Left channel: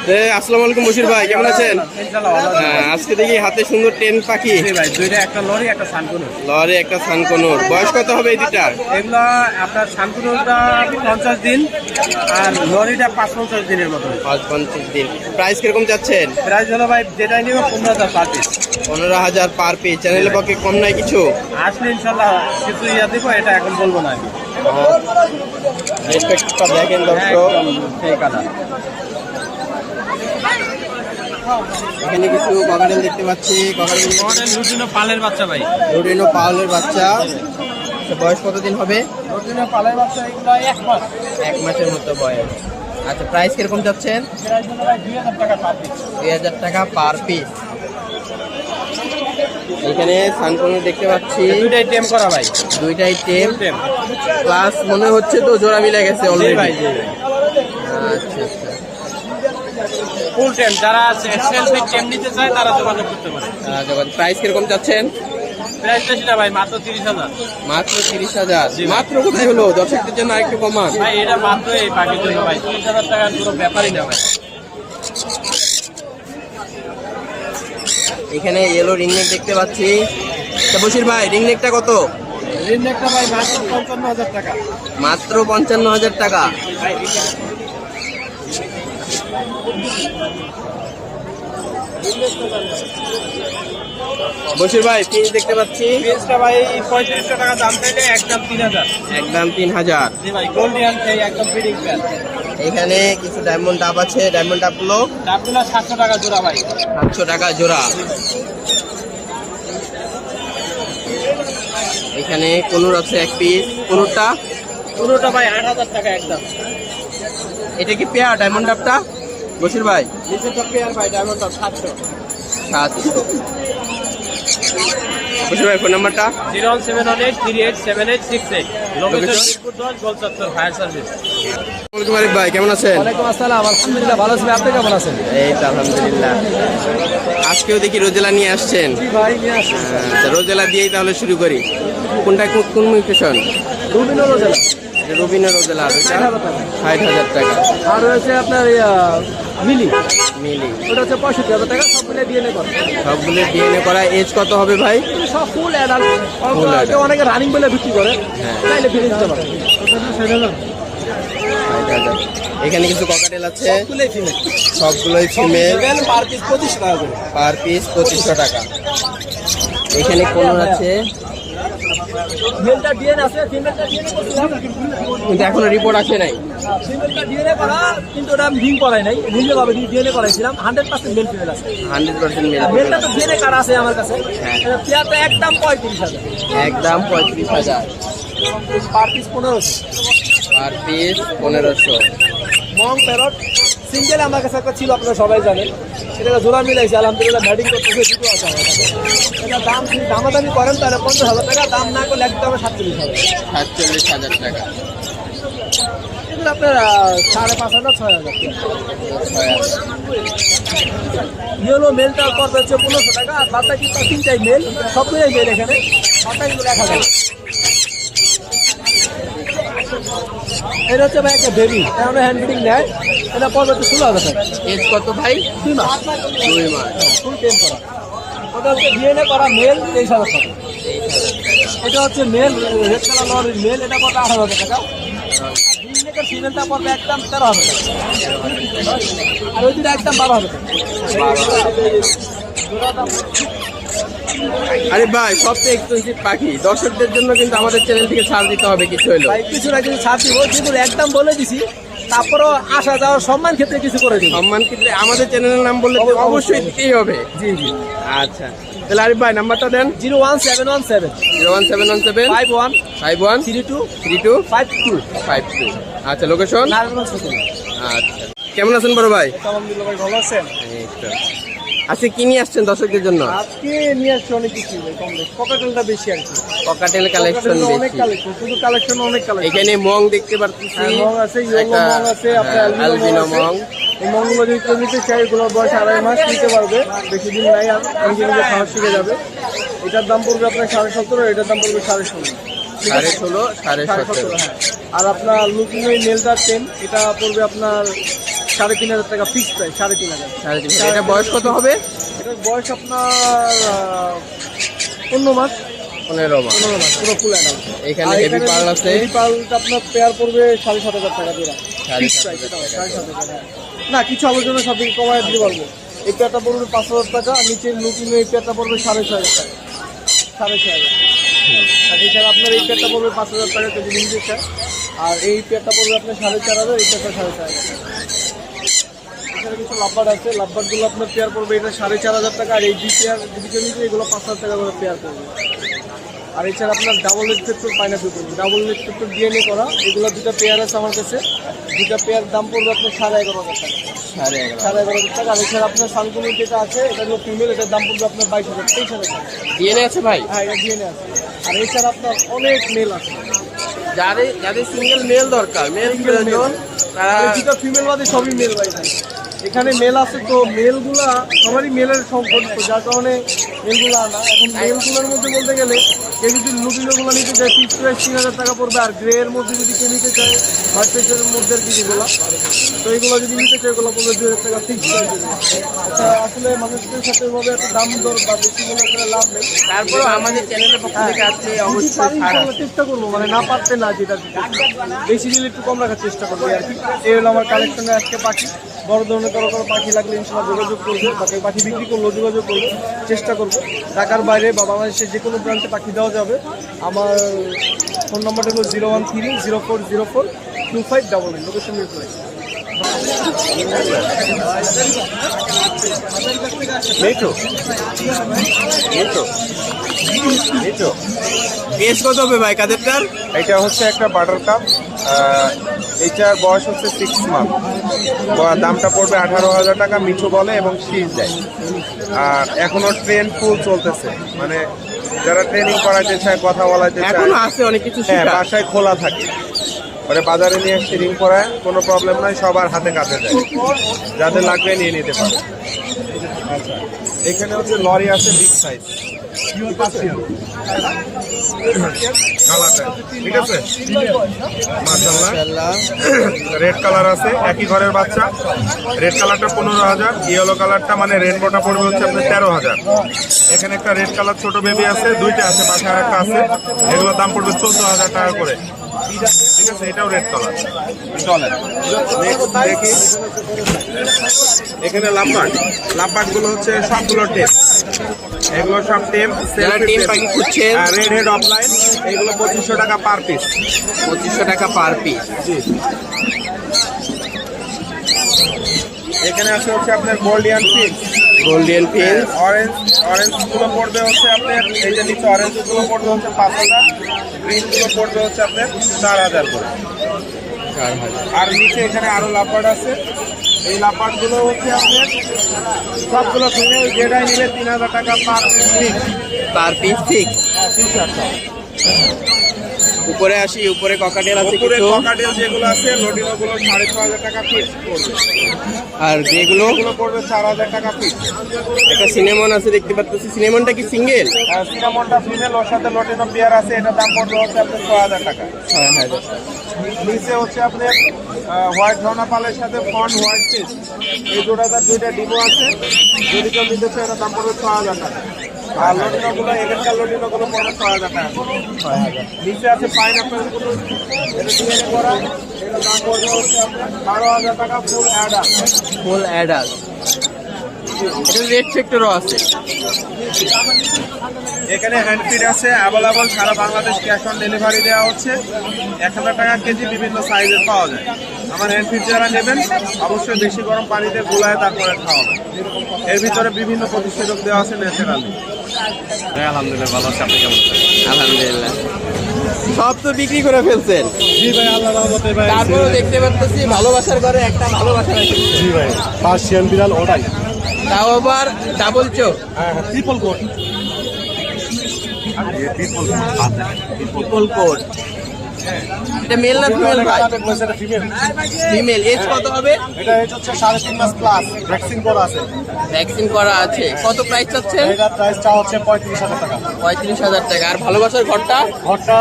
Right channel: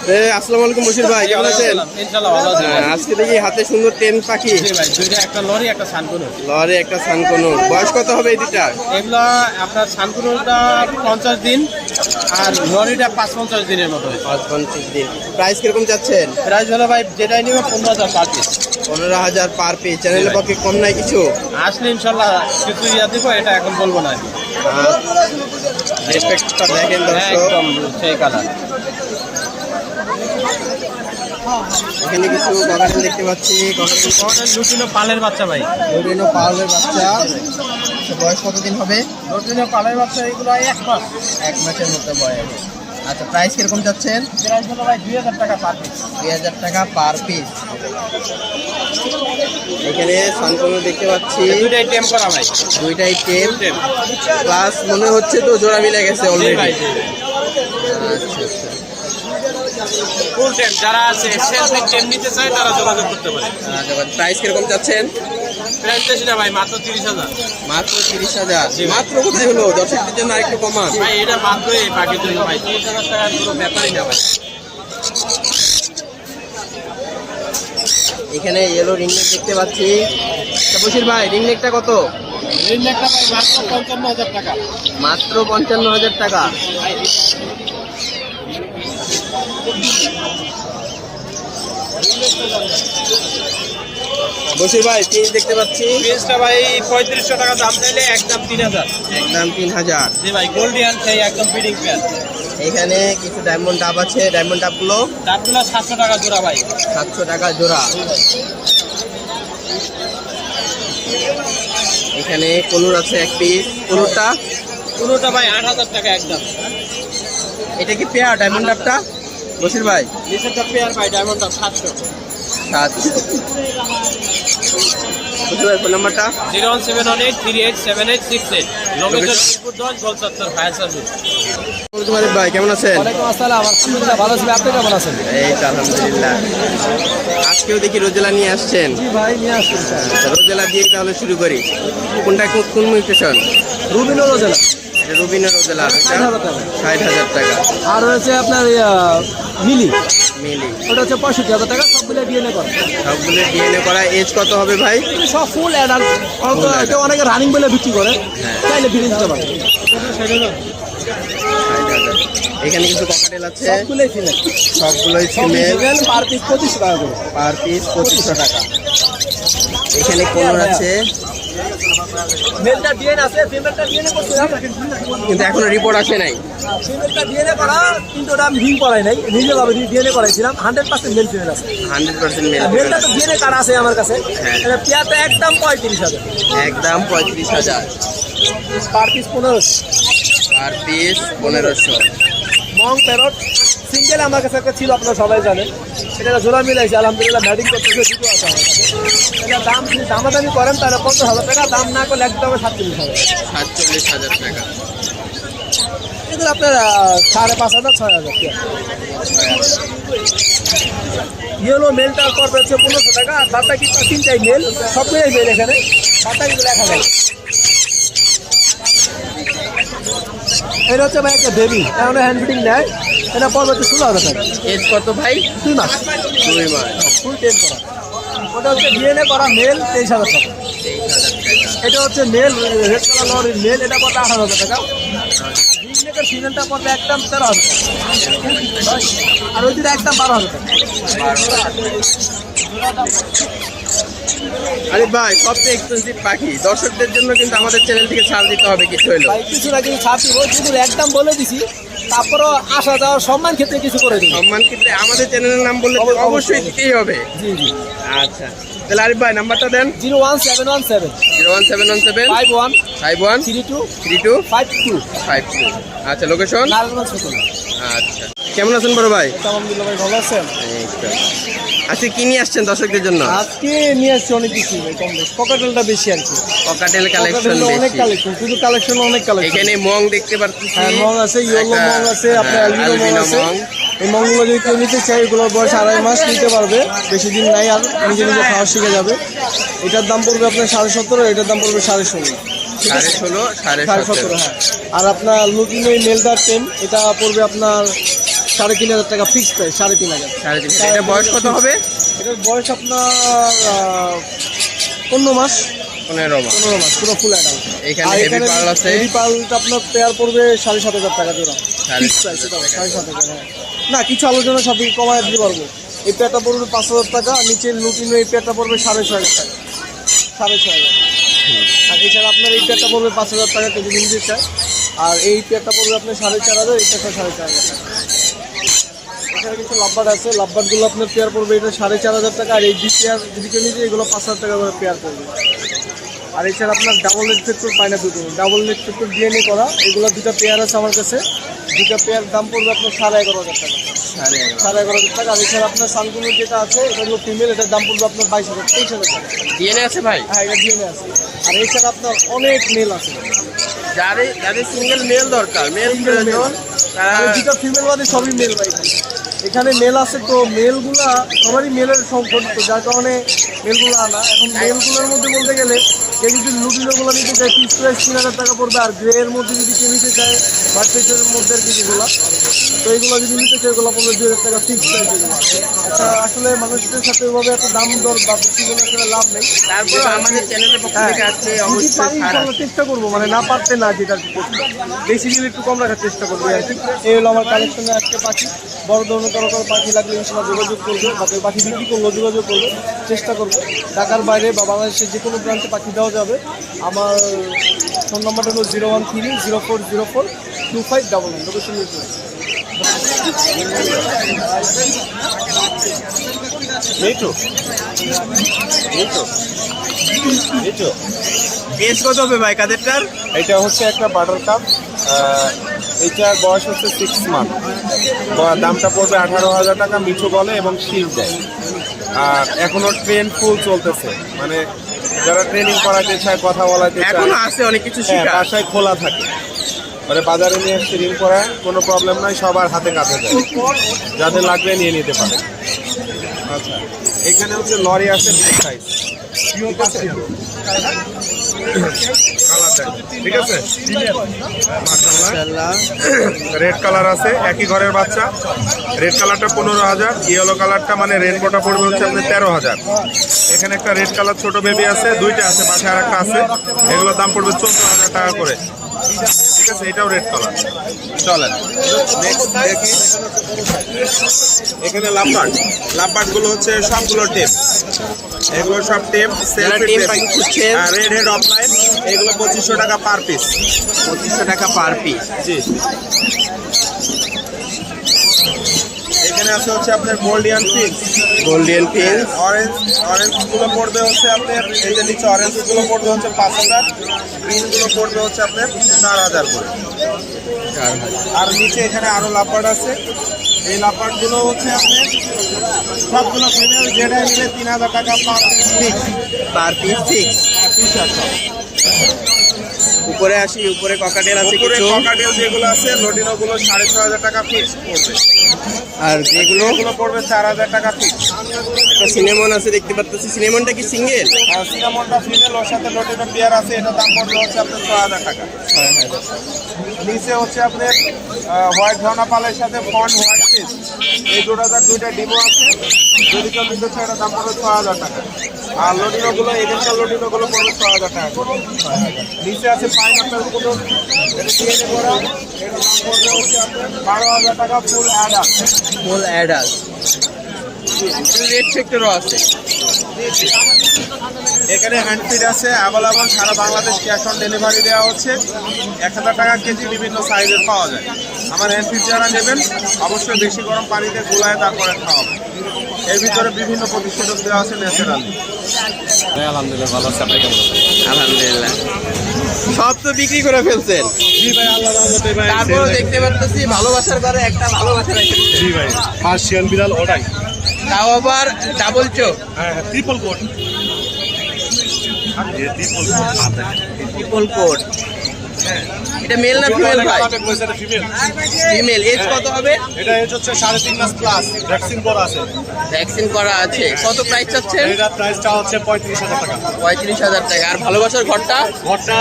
আসসালামু আলাইকুম বশির ভাই, কেমন আছেন? ইনশাআল্লাহ ভালো আছি। আজকে দেখি হাতে সুন্দর টেম পাখি। জি ভাই, দুইটা, একটা লরি একটা সানকুনুর। লরে একটা সানকনুর। বয়স কত হবে এই দুটার? এগুলা আপনার সানকুনুরটা 50 দিন আর লরিটা 55 দিনের মতো হয়েছে। 55 দিন। প্রাইস কিরকম চাচ্ছেন? প্রাইস হলো ভাই যেটাই নিবে 15,000 পার পিস। 15,000 per piece. চ্যানেলের পক্ষে কম নাই কিছু? আসলে ইনশাআল্লাহ কিছু দিব, এটা এখন বলবো না আমি। রেসপেক্টটা দেখেন দর্শক, একদম সেই কালার। এখানে কিছু ককাটেল দেখতে পাচ্ছি। ককাটেল লুটিনো পালের বাচ্চা ভাই। লুটিনো পাউলের বাচ্চা। বয়স কতদিন হবে? লুটিনো পালের বাচ্চা এগুলো 1 মাস। 1 মাসের মতো বয়স। আচ্ছা, প্রাইস কিরকম চাচ্ছেন? প্রাইস হলো ভাই 2,000 টাকা পার পিস। 2,000 টাকা পার পিস। এখানে সানকনুর দেখতে পাচ্ছি, দুইটাই টেম করা ভাই। দুইটাই টেম প্লাস মনে হচ্ছে তো জোড়া মিলে গেছে অলরেডি। আচ্ছা আচ্ছা, ফুল টেম যারা আছে সেলফি টেম নিতে চায় তারা যোগাযোগ করতে পারে। প্রাইস কিরকম চাচ্ছেন? প্রাইস বেশি না ভাই, মাত্র 30,000। মাত্র 30,000। মাত্র কোথায় হলো? দর্শকদের জন্য আরেকটু কমান ভাই, এটা মাত্র এই পাখির জন্য ভাই 30,000 টাকার পুরো ব্যাপারই না ভাই। এখানে ইয়েলো রিংনেক দেখতে পাচ্ছি। বশির ভাই, রিংনেকটা কত? রিংনেকটা ভাই মাত্র 55,000 টাকা। মাত্র 55,000 টাকা। বশির ভাই, পিস দেখতে পাচ্ছি। পিসটা ভাই 3500 টাকা দাম চাইলে একদম 3,000। একদম 3,000। জি ভাই, গোল্ডিয়ান সেই একদম ফিডিং প্যান। এখানে কিছু ডায়মন্ড ডাব আছে। ডায়মন্ড ডাবগুলো দামগুলো 700 টাকা জোড়া ভাই। 700 টাকা জোড়া। এখানে কনুর আছে এক পিস। কনুরটা পুরোটা ভাই 8,000 টাকা একদম। এটা কি পেয়ার ডায়মন্ড ডাবটা বশির ভাই? নিচেরটা পেয়ার ভাই, ডায়মন্ডটা 700। 700। বশির ভাই, ফোন নাম্বারটা? 01718387868। লোকেশন মিরপুর 10 গোলচত্বর ফায়ার সার্ভিস। ভাই, কেমন আছেন? ওয়ালাইকুম আসসালাম, আলহামদুলিল্লাহ ভালো আছি। আপনি কেমন আছেন? এই তো আলহামদুলিল্লাহ। আজকেও দেখি রোজেলা নিয়ে আসছেন। ভাই নিয়ে আসুন। রোজেলা দিয়েই তাহলে শুরু করি। কোনটা কোন মিউটেশন? Rubino rosella. এটা রুবিনা রোজেলা। এটা 60,000 টাকা। আর হচ্ছে আপনার মিলি, মিলি ওটা হচ্ছে 65,000 টাকা। সবগুলো ডিএনএ করা। সবগুলো ডিএনএ করা। এজ কত হবে ভাই? সব ফুল অ্যাডাল্ট। Full adult। অনেকে রানিং বলে বিক্রি করে, হ্যাঁ। চাইলে ফিরে দিতে পারে। 60,000। এখানে কিছু ককাটেল আছে। সবগুলোই ফিমেল। সবগুলোই ফিমেল। পার পিস 25 টাকা করে। পার পিস 2500 টাকা। এখানে কোনর আছে, মেলটা ডিএনএ আছে, ফিমেলটা ডিএনএ করতে হবে। কিন্তু এখনো রিপোর্ট আসে নাই। ফিমেলটা ডিএনএ করা, কিন্তু ওটা আমি রিং করাই নাই। রিংয়ে ভাবে ডিএনএ করাইছিলাম। 100% মেল ফিমেল আছে। 100% মেল ফিমেল মেলটা তো আছে। ডিএনএ কার্ড আছে আমার কাছে। হ্যাঁ। পেয়ারটা একদম 35,000। একদম 35,000। Per piece 1500। Per piece 1500। মং প্যারট সিঙ্গেল আমার কাছে একটা ছিল, আপনারা সবাই জানেন। এটা জোড়া মিলাইছে, আলহামদুলিল্লাহ ম্যাডিং করতেছে, দুটো আছে আমার কাছে। এটা দাম যদি দামাদামি করেন তাহলে 15,000 টাকা, দাম না করলে একদম 47,000। 47,000 টাকা। কিন্তু আপনার 5,500 6,000 ইয়েলো মেলটার পর হচ্ছে 1500 টাকা। আর বাদটা কি তিনটাই মেল, সবগুলোই মেল এখানে। বাদটা কিন্তু 1,000। এটা হচ্ছে ভাই একটা বেবি, কারণ হ্যান্ড ফিটিং নেয়। এটা পড়বে হচ্ছে 16,000 টাকা। এজ কত ভাই? 2 মাস। 2 মাস। ফুল টেন করা। ওটা হচ্ছে ডিএনএ করা মেল, 23,000 টাকা। 23,000 টাকা। এটা হচ্ছে মেল, রেড কালার লরির মেল, এটা পড়বে 18,000 টাকা। গ্রিননেকের ফিমেলটা পড়বে একদম 13,000 টাকা। আর ওই দুটো একদম 12,000 টাকা। আরে ভাই, সবচেয়ে এক্সপেন্সিভ পাখি। দর্শকদের জন্য কিন্তু আমাদের চ্যানেল থেকে ছাড় দিতে হবে কিছু হলো। ভাই কিছু না কিছু ছাড় দিব, কিন্তু একদম বলে দিছি। তারপরও আসা যাওয়ার সম্মান ক্ষেত্রে কিছু করে দিব। সম্মান ক্ষেত্রে আমাদের চ্যানেলের নাম বললে তো অবশ্যই দিতেই হবে। জি জি। আচ্ছা, তাহলে আরিফ ভাই নাম্বারটা দেন। 01717 01717 51 51 32 32 52। 52। আচ্ছা, লোকেশন? নারায়ণগঞ্জ সদর। আচ্ছা, কেমন আছেন বড় ভাই? আলহামদুলিল্লাহ ভাই, ভালো আছেন? এই তো। আচ্ছা, কি নিয়ে আসছেন দর্শকদের জন্য? আজকে নিয়ে আসছি অনেক কিছু ভাই, কম বেশ। পকেটেলটা বেশি আর কি। ককাটেল কালেকশন অনেক বেশি। কালেকশন, শুধু কালেকশন অনেক কালেকশন। এখানে মং দেখতে পাচ্ছি। মং আছে, ইয়েলো মং আছে, আপনার আলবিনো মং। এই মংগুলো যদি কেউ নিতে চাই, এগুলোর বয়স 2.5 মাস, নিতে পারবে। বেশি দিন নাই, আর নিজে নিজে খাওয়া শিখে যাবে। এটার দাম পড়বে আপনার 17.5, এটার দাম পড়বে 16.5। 16.5 17.5। আর আপনার লুকিং ওই মেলদার টেম, এটা পড়বে আপনার 3,500 টাকা ফিক্স প্রাইস, 3,500। 3,500। এটা বয়স কত হবে? এটার বয়স আপনার 15 মাস। 15 মাস। 15 মাস পুরো ফুল অ্যাডাল্ট। এখানে হেভি পার্ল আছে। হেভি পার্লটা আপনার পেয়ার পড়বে 7,500 টাকা জোড়া। 7,500 টাকা। 7,500 না, কিছু আলোচনা সাথে কমায় দিতে পারবে। এই পেয়ারটা পড়বে 5,000 টাকা, আর নিচের নতুন এই পেয়ারটা পড়বে 6,500 টাকা। 6,500। আর এছাড়া আপনার এই পেয়ারটা পড়বে 5,000 টাকা কেজি নিতে চায়, আর এই পেয়ারটা পড়বে আপনার 4,500, এই পেয়ারটা 4,500 টাকা। এছাড়া কিছু লাভবার্ড আছে, লাভবার্ডগুলো আপনার পেয়ার পড়বে এটা 4,500 টাকা, আর এই দুই পেয়ার দুদিকে নিচে এগুলো 5,000 টাকা করে পেয়ার পড়বে। আর এছাড়া আপনার double net factor pineapple, double net factor DNA করা, এগুলো দুটো পেয়ার আছে আমার কাছে। দুটো পেয়ার দাম পড়বে আপনার 11,500 টাকা। 11,500 টাকা। আর এছাড়া আপনার সানকুলো যেটা আছে এটা হলো ফিমেল, এটার দাম পড়বে আপনার 22,000, 23,000 টাকা। ডিএনএ আছে ভাই? হ্যাঁ, এটা ডিএনএ আছে। আর এছাড়া আপনার অনেক মেল আছে। যাদের সিঙ্গেল মেল দরকার, মেল প্রয়োজন, তারা দুটো ফিমেল বাদে সবই মেল ভাই। এখানে মেল আছে, তো মেলগুলো সবারই মেলের সংকট, তো যার কারণে মেলগুলো আনা। এখন মেলগুলোর মধ্যে বলতে গেলে কেউ যদি নুডুলগুলো নিতে চায় ফিক্স প্রাইস 3,000 টাকা পড়বে, আর গ্রে এর মধ্যে যদি কেউ নিতে চায় মার্কেটের মধ্যে কিছুগুলো, তো এইগুলো যদি নিতে চায় এগুলো পড়বে 2,000 টাকা ফিক্স প্রাইস। আচ্ছা, আসলে মানুষদের সাথে এভাবে একটা দাম দর বা বেশি বলে করে লাভ নেই। তারপরেও আমাদের চ্যানেলের পক্ষ থেকে আসলে অবশ্যই ছাড় আছে। চেষ্টা করবো, মানে না পারতে না, যেটা বেসিক্যালি একটু কম রাখার চেষ্টা করবো। এই হলো আমার কালেকশনে আজকে পাখি। বড় ধরনের কারো পাখি লাগলে ইনশাল্লাহ যোগাযোগ করবে, বা কেউ পাখি বিক্রি করলেও যোগাযোগ করবে, চেষ্টা করবো। ঢাকার বাইরে বা বাংলাদেশের যে কোনো প্রান্তে পাখি দেওয়া যাবে। আমার ফোন নাম্বারটা হলো 013-0404-2599, লোকেশন মিরপুরে। এজ কত হবে ভাই কাদেরটার? এটা হচ্ছে একটা বাটার কাপ, এইটার বয়স হচ্ছে 6 মান্থ। দামটা পড়বে 18,000 টাকা। মিঠু বলে এবং শিল দেয়। আর এখনো ট্রেন ফুল চলতেছে, মানে যারা ট্রেনিং করাতে চায়, কথা বলাতে চায়, এখনো আছে অনেক কিছু হ্যাঁ, শেখা। বাসায় খোলা থাকে। মানে বাজারে নিয়ে ট্রেনিং করায় কোনো প্রবলেম নাই, সবার হাতে কাছে যায়। যাদের লাগবে নিয়ে নিতে পারে। আচ্ছা, এখানে হচ্ছে লরি আছে বিগ সাইজ, ঠিক আছে? কালারটা ঠিক আছে, মাশাআল্লাহ। মাশাআল্লাহ। রেড কালার আছে, একই ঘরের বাচ্চা। রেড কালারটা 15,000, ইয়েলো কালারটা মানে রেনবোটা পড়বে হচ্ছে আপনার 13,000। এখানে একটা রেড কালার ছোট বেবি আছে, দুইটা আছে, পাশে আর একটা আছে। এগুলোর দাম পড়বে 14,000 টাকা করে, ঠিক আছে? এটাও রেড কালার। চলেন এখানে লাভবার্ড গুলো হচ্ছে সবগুলো টেপ, এগুলো সব টেপ। যারা টেম পাখি খুঁজছেন, রেড হেড অফলাইন, এগুলো 2,500 টাকা পার পিস। 2,500 টাকা পার পিস। জি। এখানে আছে হচ্ছে আপনার গোল্ডিয়ান ফিশ, গোল্ডেন ফিন্স। অরেঞ্জ গুলো পড়বে হচ্ছে আপনার, এই যে নিচে অরেঞ্জ গুলো পড়বে হচ্ছে 5,000, গ্রিন গুলো পড়বে হচ্ছে আপনার 4,000 করে। 4,000। আর নিচে এখানে আরো লাভবার্ড আছে। এই লাভবার্ড গুলো হচ্ছে আপনার সবগুলো ফিমেল, যেটাই নিলে 3,000 টাকা পার পিস। Per piece 6। হ্যাঁ, পিস আছে। উপরে আসি, উপরে ককাটেল আছে উপরে কিছু, ককাটেল যেগুলো আছে, লোডিনো গুলো 6,500 টাকা পিস পড়বে। আর যেগুলো এগুলো পড়বে 4,000 টাকা পিস। একটা সিনেমন আছে দেখতে পাচ্ছি। সিনেমনটা কি সিঙ্গেল? সিনামনটা ফিমেল, ওর সাথে লোডিনো পেয়ার আছে, এটা দাম পড়বে হচ্ছে আপনার 6,000 টাকা। 6,000। নিচে হচ্ছে আপনার হোয়াইট ধনাপালের সাথে ফন হোয়াইট ফিশ, এই জোড়াটার দুইটা ডিমো আছে। যদি কেউ নিতে চায় এটা দাম পড়বে 6,000 টাকা। আর লোডিনো গুলো, এখানকার লোডিনো গুলো পড়বে 6,000 টাকা করে। 6,000। নিচে আছে পাইনাপেল গুলো, এটা ডিএনএ করা, এটা দাম পড়বে হচ্ছে আপনার 12,000 টাকা ফুল অ্যাডাল। Full adult. এটা রেড ফ্যাক্টরও আছে। এখানে হ্যান্ড ফিড আছে অ্যাভেলেবল, সারা বাংলাদেশ ক্যাশ অন ডেলিভারি দেওয়া হচ্ছে। 1,000 টাকা কেজি বিভিন্ন সাইজের পাওয়া যায়। আমার হ্যান্ড ফিড যারা নেবেন অবশ্যই বেশি গরম পানিতে গোলায় তারপরে খাওয়াবেন। এর ভিতরে বিভিন্ন প্রতিষেধক দেওয়া আছে ন্যাচারালি। আলহামদুলিল্লাহ ভালো আছে, আপনি কেমন আছেন? আলহামদুলিল্লাহ। সব তো বিক্রি করে ফেলছেন, জি ভাই, আল্লাহর রহমতে ভাই। তারপরে দেখতে পাচ্ছি ভালোবাসার ঘরে একটা ভালোবাসা রেখেছে। জি ভাই, পার্সিয়ান বিড়াল ওটাই। তাও আবার ডাবল চোখ, হ্যাঁ, ট্রিপল কোট। Triple coat. এটা মেল না ফিমেল ভাই? ফিমেল। ফিমেল। এজ কত হবে? এটা এজ হচ্ছে 3.5 মাস প্লাস, ভ্যাকসিন করা আছে। ভ্যাকসিন করা আছে। কত প্রাইস চাচ্ছেন? এটা প্রাইসটা হচ্ছে 35,000 টাকা। 35,000 টাকা। আর ভালোবাসার ঘরটা? ঘরটা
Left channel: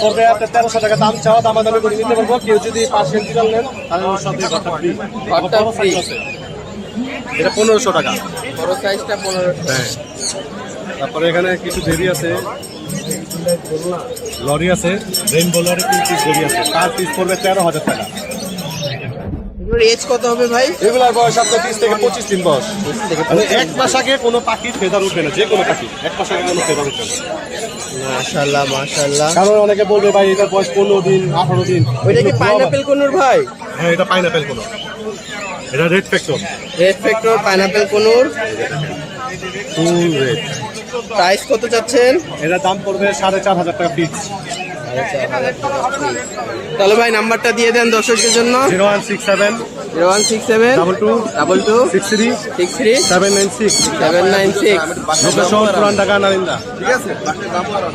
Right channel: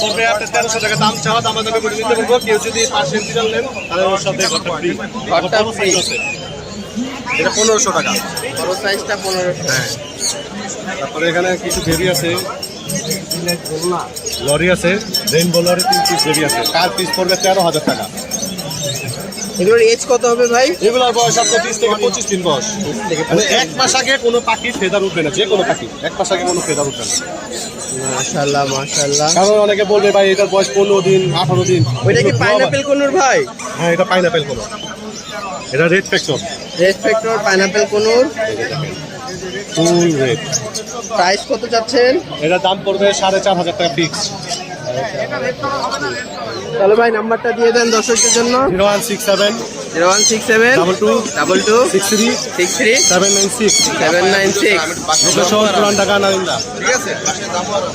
পড়বে আপনার 1300 টাকা দাম চাওয়া, দামাদামি করে দিতে পারবো। কেউ যদি 5 ইঞ্চিটাল নেন তাহলে ওর সাথে ঘরটা ফ্রি। এটা 1500 টাকা। বড় সাইজটা 1500। তারপরে এখানে কিছু বেরি আছে, লরি আছে, রেইনবো লরি 3 পিস বেরি আছে, তার পিস পড়বে 13,000 টাকা। এগুলোর এজ কত হবে ভাই? এগুলোর বয়স আপনার 20 থেকে 25 দিন বয়স। 20 থেকে মানে 25 এক মাস আগে কোনো পাখির ফেদার উঠবে না, যে কোনো পাখি এক মাস আগে কোনো ফেদার উঠবে না। মাশাআল্লাহ মাশাআল্লাহ। কারণ অনেকে বলবে ভাই এটার বয়স 15 দিন 18 দিন। ওইটা কি পাইনাপেল কোনুর ভাই? হ্যাঁ, এটা পাইনাপেল কোন, এটা red factor. Red factor pineapple কোনুর ফুল রেড। প্রাইস কত চাচ্ছেন? এটা দাম পড়বে 4,500 টাকা ফিক্স। তাহলে ভাই নাম্বারটা দিয়ে দেন দর্শকদের জন্য। 0167 0167 22 22 63 63 796। 796। লোকেশন পুরান ঢাকা নারিন্দা। ঠিক আছে।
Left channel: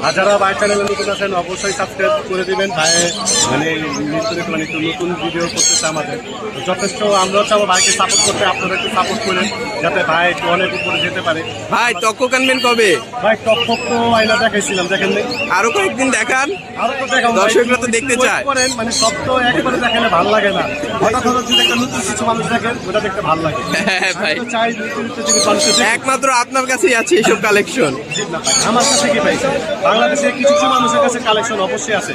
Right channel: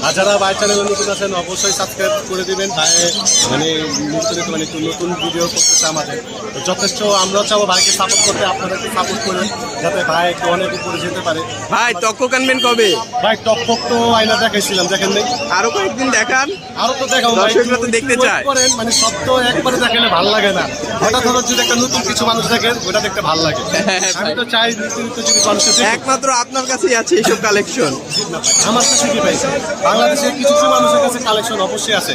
আর যারা ভাই চ্যানেলে নতুন আছেন অবশ্যই সাবস্ক্রাইব করে দিবেন। ভাই মানে নিশ্চয়ই মানে একটু নতুন ভিডিও করতেছে আমাদের, তো যথেষ্ট আমরাও চাবো ভাইকে সাপোর্ট করতে, আপনারা একটু সাপোর্ট করেন যাতে ভাই একটু অনেক উপরে যেতে পারে। ভাই তক্ক আনবেন কবে? ভাই টপ তো আইনা দেখাইছিলাম, দেখেন নাই? আরো কয়েকদিন দেখান, আরো তো দেখাবো, দর্শকরা তো দেখতে চায়। করেন মানে সব তো একবারে দেখালে ভালো লাগে না, হঠাৎ হঠাৎ যদি একটা নতুন কিছু মানুষ দেখেন ওটা দেখতে ভালো লাগে। হ্যাঁ ভাই, আমি তো চাই নিত্য যদি মানুষের একমাত্র আপনার কাছেই আছে এইসব কালেকশন। আমার কাছে কি পাইছে, বাংলাদেশে কিছু কিছু মানুষের কাছে কালেকশন অবশ্যই আছে,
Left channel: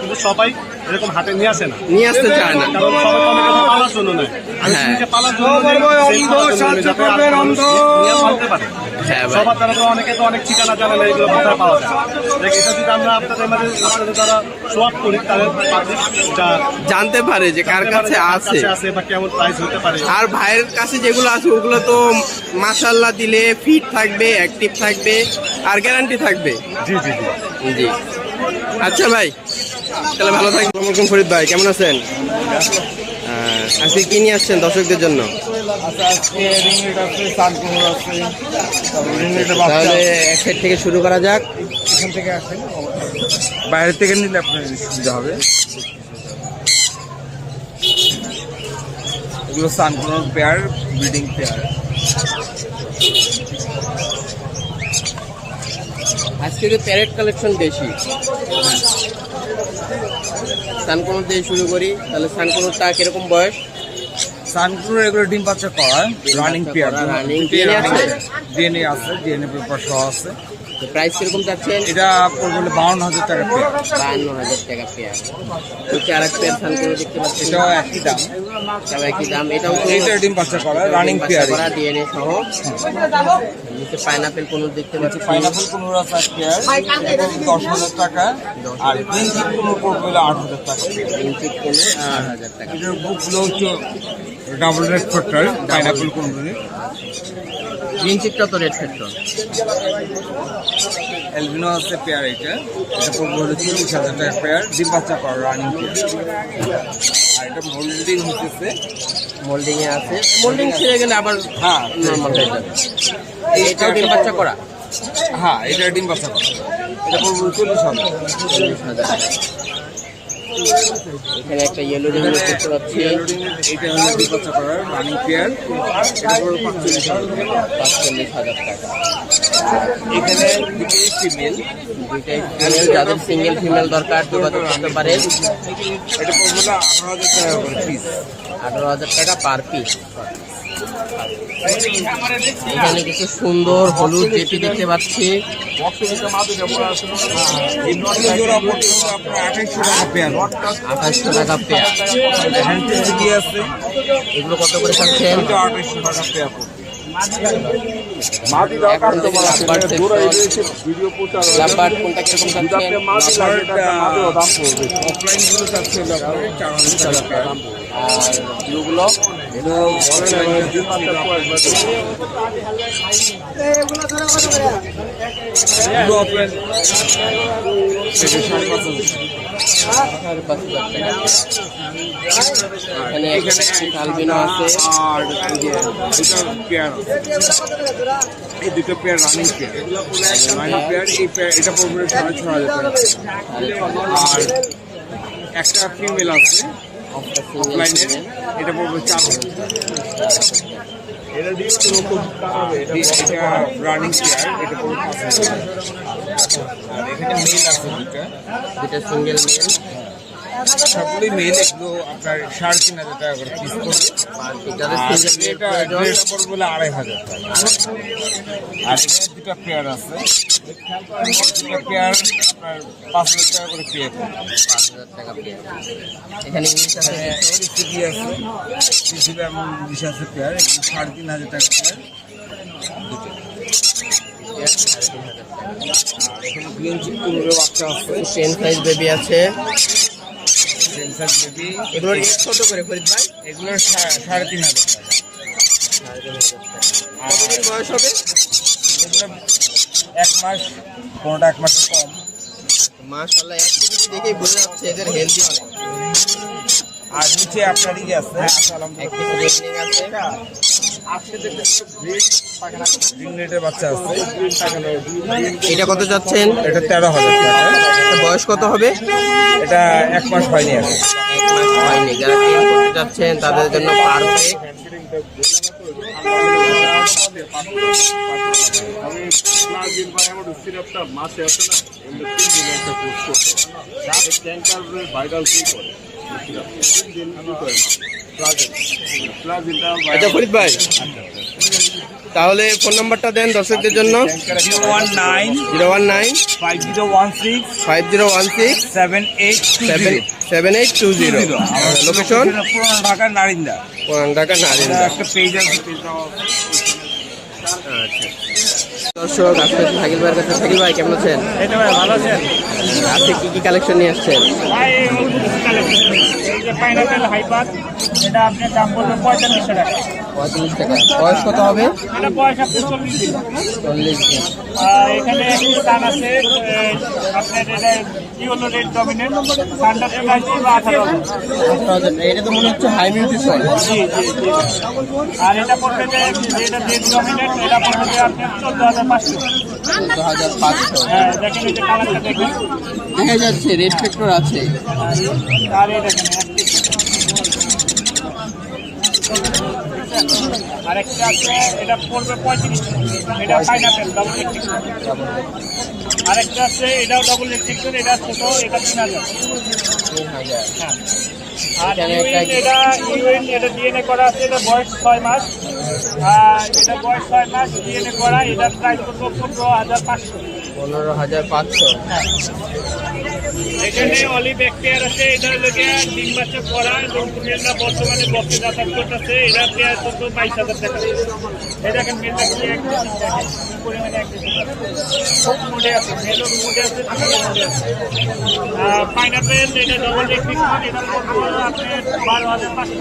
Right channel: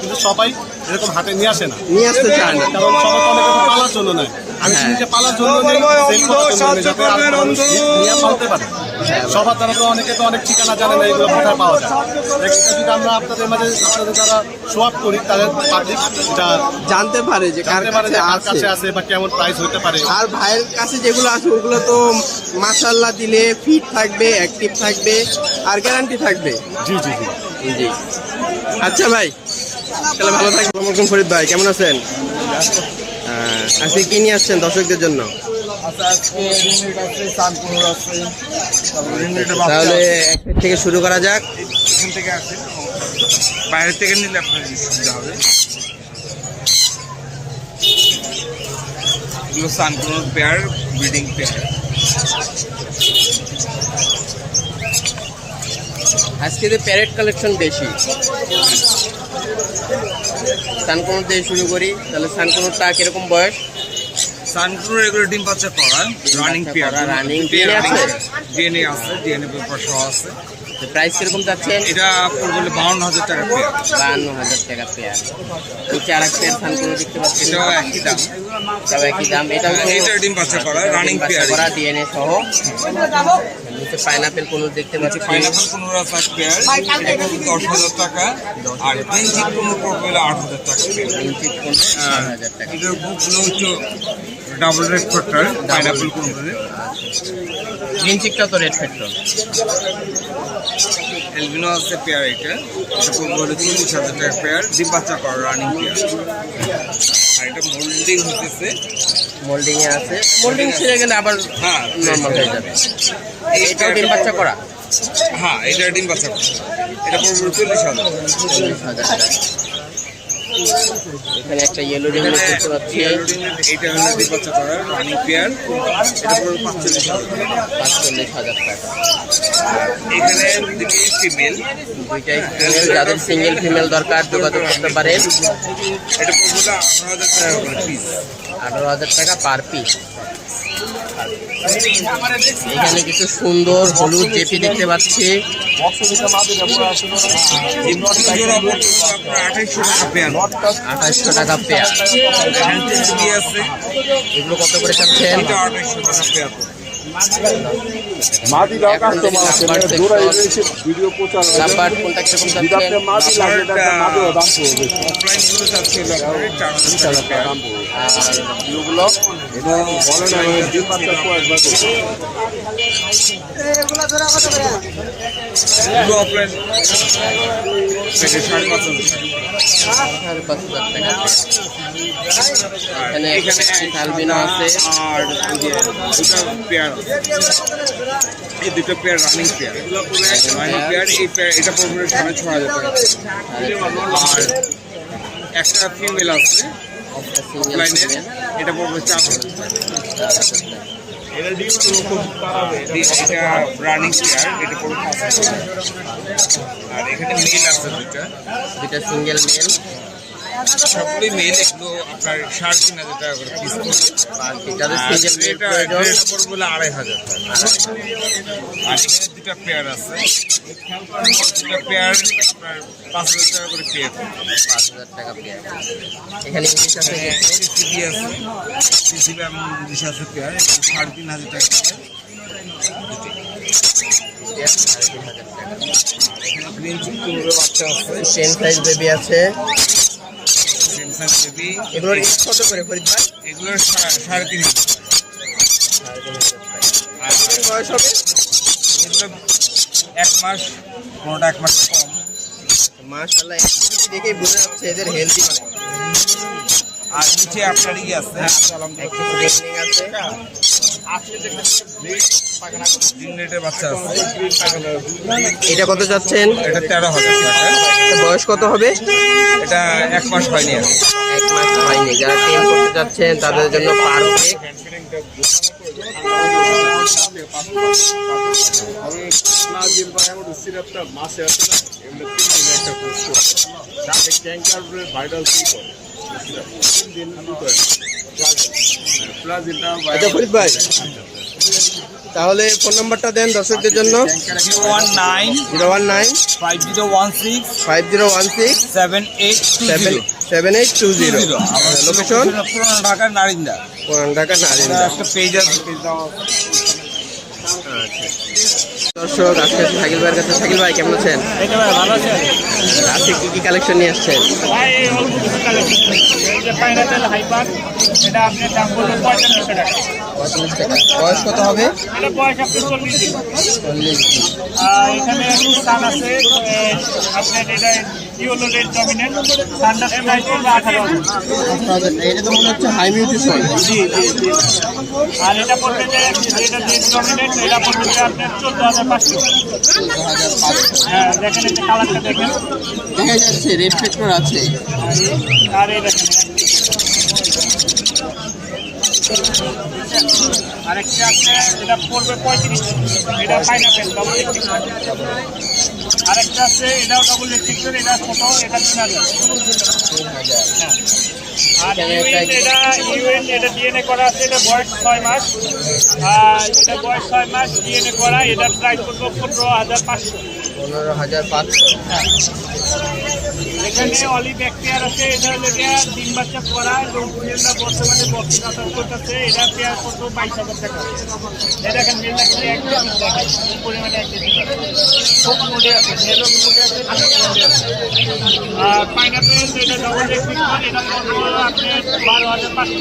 কিন্তু সবাই এরকম হাতে নিয়ে আসে না, নিয়ে আসতে চায় না। কারণ সবাই তো অনেকে তো পালার জন্য নেয়। আমি হ্যাঁ। নিজে পালার জন্য নেই, সেল করার জন্য নেই, যাতে আরেকটা মানুষ নিয়ে পালতে পারে। হ্যাঁ ভাই। সবার দ্বারা তো অনেকে তো অনেক ঠিকানা জানে না এগুলো কোথায় পাওয়া যায়। দেখ, এটা যদি আমরা আপনাদের মাঝে আপনাদের দ্বারা শো আপ করি তাদের পাবলিক এটা জানতে পারে যে কার জানতে পারে কাছে যে কার আছে। কাছে আছে বা কেমন প্রাইস হতে পারে। আর ভাইয়ের কাছে যেগুলো আছে ওগুলো তো মাশাআল্লাহ দিলে ফিট থাকবে, অ্যাক্টিভ থাকবে আর গ্যারান্টি থাকবে। জি জি জি। জি আচ্ছা ভাই, তাহলে ভালো থাকবেন। আসসালামু আলাইকুম ফরিদ ভাই, কেমন আছেন? আজকে কি নিয়ে আসছেন দর্শকদের জন্য? তাহলে এক সাইড থেকে শুরু করা যাক। এখান থেকে আসেন, বাইরে থেকে নিলে আপনি নিতে হবে। এগুলো সানকুনোর পেয়ার, ব্রিডিং পেয়ার। আজকে তো প্যারেট কালেকশন বেশি। সানকুনোর দিয়ে শুরু করি, তাহলে সানকুনোরটা কিরকম বয়স? সানকুনোর এগুলো ডিম বাচ্চা করা, রানিং পেয়ার। রানিং ডিএনএ আছে? ডিএনএ আছে, ডিএনএ পেপার সহ আছে। প্রাইস কিরকম চাচ্ছেন? এটা পড়বে 52,000 টাকা পেয়ার। 52,000 টাকা পেয়ার। নিচে আর এক পেয়ার সানকুনো দেখতে পাচ্ছি, এটাও একই দাম। এটাও একই দাম। এটাও তো এটাও ডিম বাচ্চা করা, রানিং বাচ্চা পেয়ার। করা ডিএনএ সহ। নিচে পাইনাপেল কোন দেখতে পাচ্ছি। পাইনাপল কোনোর আছে এক পেয়ার, এটা পড়বে 10,000 টাকা। আর গ্রিন চিক কোনো পড়বে 8,000 টাকা পেয়ার। ইঞ্চি কোন 8,000 টাকা। এটার বুকগুলো হচ্ছে ডাবল রেড ফ্যাক্টর, পাইনাপল কোনোগুলো। গ্রিন চিকটা তো রেড ফ্যাক্টর। এলবিনো আছে পেয়ার, এটা পড়বে হলো 40,000 টাকা পেয়ার, ডিম বাচ্চা করা রানিং পেয়ার। আর এটা মোল্ডিং হতেছে, মোল্ডিং এ আছে, মোল্ডিং ছেড়ে গেলে আবার হ্যাঁ নরমাল হয়ে যাবে। এটাও ডিম বাচ্চা করা। হ্যাঁ এটা ডিম বাচ্চা করা, এটা পড়বে 40,000। 40,000 টাকা। এখানে একটা ইয়েলো রিং দেখতে পাচ্ছি, এটা হলো ডিম বাচ্চা করা রানিং পেয়ার, এটা পড়বে 45,000। 45,000 টাকা। এখানে দুটি ফিমেল, দুইটাই ফিমেল, যাদের সিঙ্গেল ফিমেল দরকার যোগাযোগ করতে পারেন। এটা পড়বে 18,000 টাকা করে পিস। 18,000 টাকা পার পিস। এখানে কিছু সুন্দর হলুদ জেপি দেখতে পাচ্ছি, জোড়া পড়বে আপনার 2800 টাকা পেয়ার। 2800 টাকা পেয়ার। হ্যান্ডটেল আছে, এগুলো কত করে চাচ্ছেন? এটা 2800 টাকা পেয়ার পড়বে। এখন থেকে লাভবার্ড সেকশন, লাভবার্ড কোনটা কিরকম চাচ্ছেন? অফলাইন গুলো চাচ্ছে হলো আপনার 4,000 টাকা পেয়ার। আর ব্লুগুলো অফলাইন 5,500 টাকা। এখানে আলবিনো আছে, আর দুটো পেয়ার আছে, এই দুটো pair running pair. Running pair, এই পেয়ার এটা পড়বে 6,500 টাকা। আর একটা ফিমেল আছে সিঙ্গেল অফলাইনে, এটা পড়বে 4,000 টাকা। রানিং চেয়ার, এটা পুরো 5,000 টাকা। আর এখানে মেল আছে দুইটা, দুইটা সিঙ্গেল মেল, সবগুলোই মেল। এগুলো আপনার 3,500 টাকা করে পিস পড়বে। যাদের সিঙ্গেল মেল এটা প্রয়োজন ড্রেস পড়বে হলো 2,500 টাকা। আর এখানে দুটা পেয়ার আছে, দুটা পেয়ার আপনার 5,000 টাকা করে পেয়ার। 5,000 টাকা পেয়ার। এখানে ইংলিশ আছে কিছু, সিসিবি আছে, সিসিবি এবং ইংলিশ আছে পেয়ার, 3,500 টাকা পেয়ার দুটো। পেয়ার 3,500 টাকা। আর এখানে গ্রিন চিকেনের বাচ্চা আছে, সেম সাইজ বেবি আছে। সেন্সার বেবি। এগুলোর রেট কত করে ফরিদ ভাই? এগুলো 3,500 টাকা। 3,500 টাকা। আর কতদিন বয়স হবে? এগুলো 1 মাস, কোনোটা 1 মাসের কম। মাশাআল্লাহ, অ্যাক্টিভিটি দেখেই বোঝা যাচ্ছে এদের হেলদি অনেক। আর নিচে আপনার ই আছে, অ্যাক্টিভিটি রেটিং আছে। গ্রিন রেটের বাচ্চা আছে, এটা কত যাচ্ছেন? এটা 13,000 টাকা। এটা বয়স কত হবে? এটা 1 মাস হয়নি আর। 1 মাস হয়নি। যারা টেম করতে যাচ্ছেন তাদের জন্য পারফেক্ট। আচ্ছা ফরিদ ভাই, তাহলে ফোন নাম্বারটা দেন দর্শকদের জন্য। 019 019 5016 5016 7820। 7820। লোকেশন পুরানো ঢাকার নারিন্দা। পুরান ঢাকা নারিন্দা। একটা পেজ আছে, আচ্ছা দর্শক, আজকে আছি শাকিল ভাইয়ের কাছে। শাকিল ভাই কেমন আছেন? এই তো ভাই ভালো আছেন? আজকে কি কি কালেকশন নিয়ে আসছেন? ভাই এই অল্প কিছু কালেকশন, এই যে পাইনাপেল হাইপার, এটা আপনার দাম পড়বে 45 টাকা। 45 টাকা। বয়স কত হবে? এটা বয়স আপনার 40 দিন। 40 দিন। এখানে সান আছে, আপনার এটা ইউনো রেড ডমিনেন্ট, সানটা প্রাইস পড়বে 18,000। 18,000 টাকা। এটা তো মনে হচ্ছে হাই মিউটেশন। জি জি জি। আর এটা পড়বে যে এটা রেড ডমিনেন্ট, এটা পড়বে যে আপনার 14,500। 14,500। হ্যাঁ দেখেন, এই যে কালারটা দেখেন। দেখা যাচ্ছে রেড ফ্যাক্টর আছে। আর এই দেখেন আরেকটা আছে, এটা পড়বে 35। এটা পাইনাপেল ডাবল ইলেকট্রিক। আরেকটা আছে, এটাও ডাবল ইলেকট্রিক, এটা ছোট, এটা 3,000। 3,000। হ্যাঁ। আর এখানে একটা এটা ডিএনএ করা আছে, এটা বয়স 6 মাস। আর এটা বয়স 6 মাস ডিএনএ করা, এটার প্রাইস পড়বে 15,500। 15,500। এখানে অলিভ ব্যাকটেরিয়া আছে, এটা হলো ডিম বাচ্চা করা এবং কুমিল্লা বর্তমানে বক্সে যাতায়াত করতেছে। এটা পেয়ার কত 22,000 টাকা। এই দেখেন মেলটা পরিমাণে এক কেজি খুব মোটে আছে, মেলও মোটে আছে, পাইনাপেল এটা ডবল ইলেকট্রিক, এটা পড়বো আপনার 12,500।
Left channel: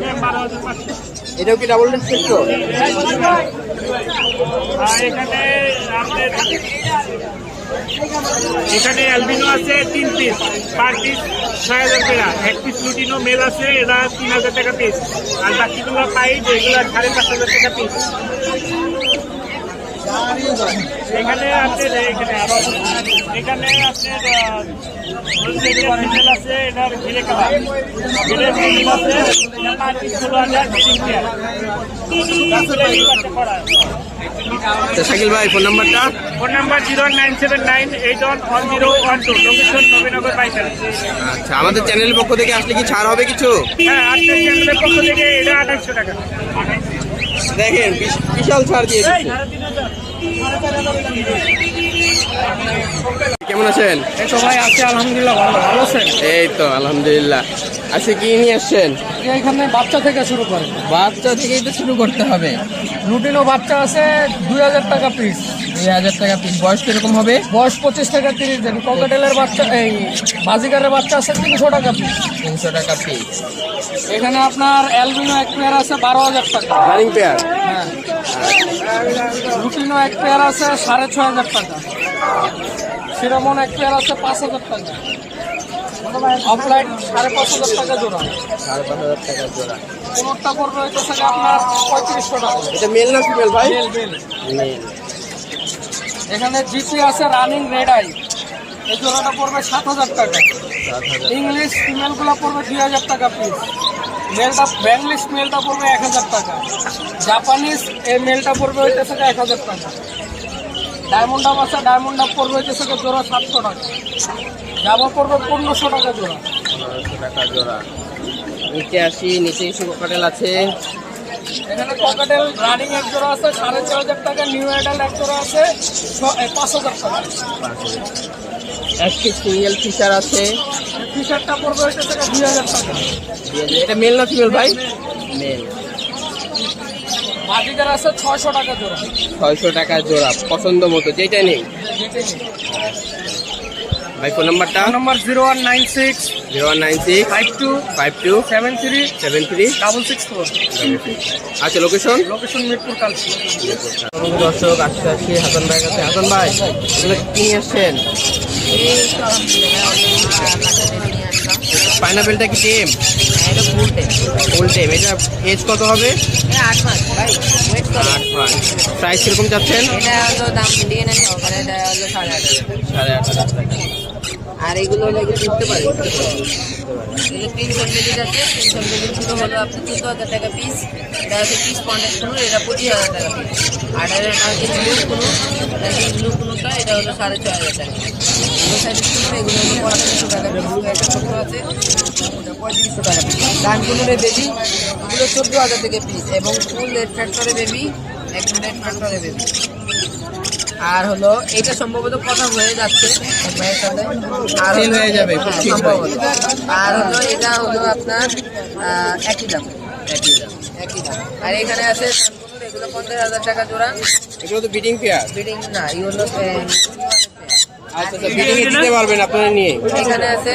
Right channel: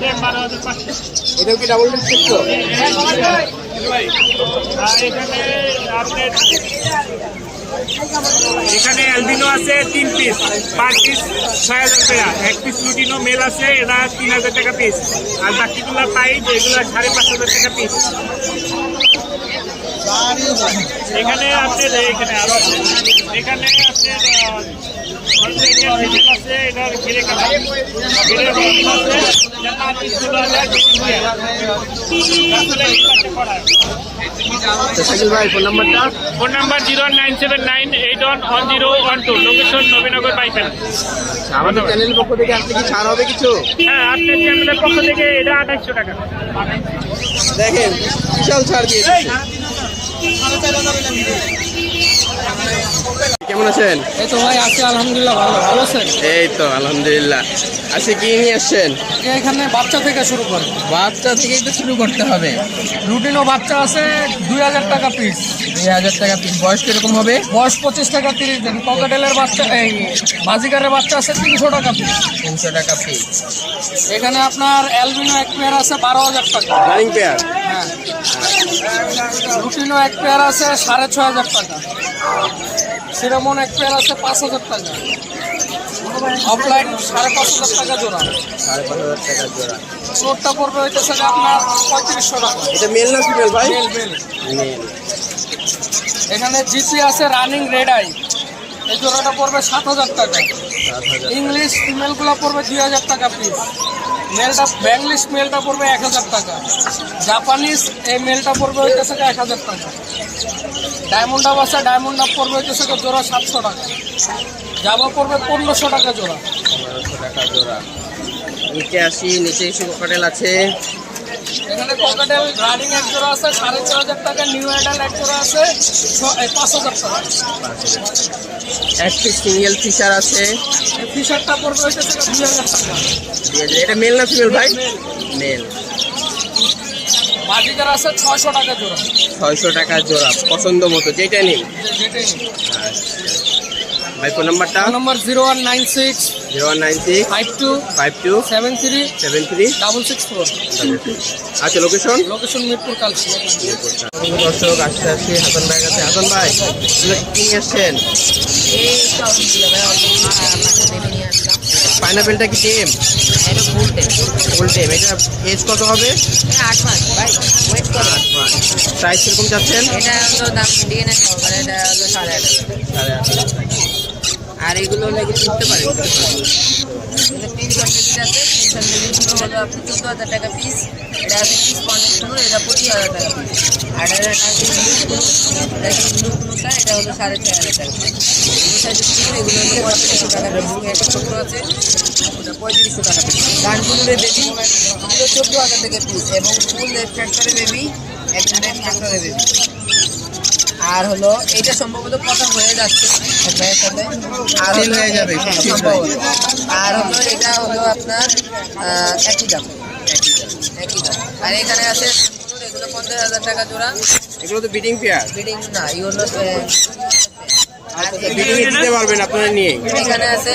12,500। এটাও কি ডাবল ফ্যাক্টর? আর এখানে আপনার এখানে অ্যালবিনো আছে 3 পিস, পার পিস 6,000 টাকা। 1 পিস লুটিনো মেল আছে, এটা 3,000 টাকা পিস। আর বাকিগুলো পাই এগুলো 5,500 টাকা পিস। এখানে আপনার এখানে আরো আছে, এখানে আপনার আছে, এটার ঘিরে কালার ঘিরে আছে, শাকিল ভাই ফোন নাম্বারটা? Phone number 09798111012, location Nabinagar bypass. আচ্ছা, আমাদের চ্যানেলের পক্ষ থেকে আসলে কি ছাড় হবে কিছু? হ্যাঁ, আপনার চ্যানেলের পক্ষ থেকে এটা 2800 টাকা। দেখেন বিশাল ছাড় দিয়ে দিচ্ছে। কেমন আছেন? এই তো ভাই আছি আলহামদুলিল্লাহ, ভালো। ভালো আছেন? এই তো আলহামদুলিল্লাহ। আজকে কি নিয়ে আসছেন? এখানে বাচ্চা থেকে শুরু করে, বাচ্চা থেকেই তো শুরু করতে হবে। রুটিনও বাচ্চা আছে 2,000 টাকা পিস। 2,000 টাকা পিস। বয়স কিরকম হবে? বয়স 25 থেকে 30 দিন। ককাটেলের বাচ্চা, এই বাজিকারের বাচ্চা আছে 300 টাকা পিস। 300 টাকা পিস। এখানে আপনার অ্যালবিনো এক পেয়ার আছে 12,000 টাকা। Running pair. হ্যাঁ। রুটিনও এক পেয়ার আছে 6,500 টাকা। সিরামন এক পেয়ার আছে 5,000 টাকা। অফলাইন 5,500 টাকা জোড়া। 5,500 টাকা জোড়া। কোনটা পড়বে হইতেছে আপনার 3,500 টাকা। এটা মেল না ফিমেল ভাই? মেল। মেল। এখানে জিপি আছে রানিং রেড আই, এই জোড়াটা পড়বে 7,000 টাকা। 7,000। ইংলিশ ফিমেলগুলো পড়বে 2,000 টাকা পিস। মেলটা ব্যাংলিশ মেলটা পড়বে 1000 টাকা, জাপানিজ এই মেলটা পড়বে হইতেছে 1000 টাকা, ডায়মন্ড আপ আছে, ডায়মন্ড আপ পড়বে হইতেছে জোড়া 700 টাকা, জাবা পড়বে 1500 টাকা জোড়া। 1500 টাকা জোড়া। নিচে আসি, নিচে কিছু ককাটেল আছে। এখানে ককাটেল রানিং এক জোড়া আছে 4500 টাকা, নিউ অ্যাডাল এক জোড়া আছে 5000 টাকা। একটি সিঙ্গেল ফিশার আছে, ফিশারটা পড়বে হইতেছে 2000 টাকা। 2000। এটা মেল না ফিমেল ভাই? মেল। বাজিকার আছে 600 টাকা জোড়া। 600 টাকা জোড়া, পছন্দ মতো যেটা নেই। যেটাই নেই। ভাই ফোন নাম্বারটা? Phone number 0196 0196 52 52 73 73 664। আচ্ছা, লোকেশন? লোকেশন মিরপুর কালসি। দর্শক আসতে আসি হাসান ভাইয়ের কাছে। হাসান ভাই, এগুলো কি নিয়ে আসছেন? পাইনাপেলটা কি টেম? এটা ফুল টেন। ফুল টেম। এটা এজ কত হবে? 8 মাস ভাই, ওয়েট করো। 8 মাস। প্রাইস কিরকম যাচ্ছেন? এটা হলো দাম ডিএনএ সহকারে, এটা হলো 8,500 টাকা। 8500 টাকা। আর এগুলো হলো এগুলো কিনতে পারে, এগুলো 300 কেজি আছে। 300 কেজিগুলো হলো আপনার 14,000 টাকা পিস। এটা আছে পিস কন্টেক্ট কোনো, এটা 25,000 টাকা পিস। আর এটা আছে ব্লু কোনো, এটা কি ব্লু কোনোটা, এটা হলো 6,500 টাকা। এগুলো সাইজের কোনো, এগুলো হলো 3500 টাকা পিস। একটা ছোটো আছে, ওটা 3500 টাকা পিস। ডান কোনোর বেবি, এগুলো 14,000 টাকা পিস। এবং ফুল রেড ফ্যাক্টরে বেবি, একদম রেড ফ্যাক্টরে বেবি। আর হলো এটা সম্ভবত কথা হয়ে যাচ্ছে এক ভাইয়ের সাথে, আর Sale হয়ে যাবে খুব শীঘ্রই। সম্ভবত। আর হলো এটা হলো আপনার একই দাম। একই দাম। আর এখানে আছে সানকুনুর, এগুলো 50,000 টাকা জোড়া। এগুলো তো বিডিং পেয়ার। বিডিং না, এগুলো আচ্ছা, বিডিং এ দিতে পারবেন আপনারা নিয়ে। এখানে আছে,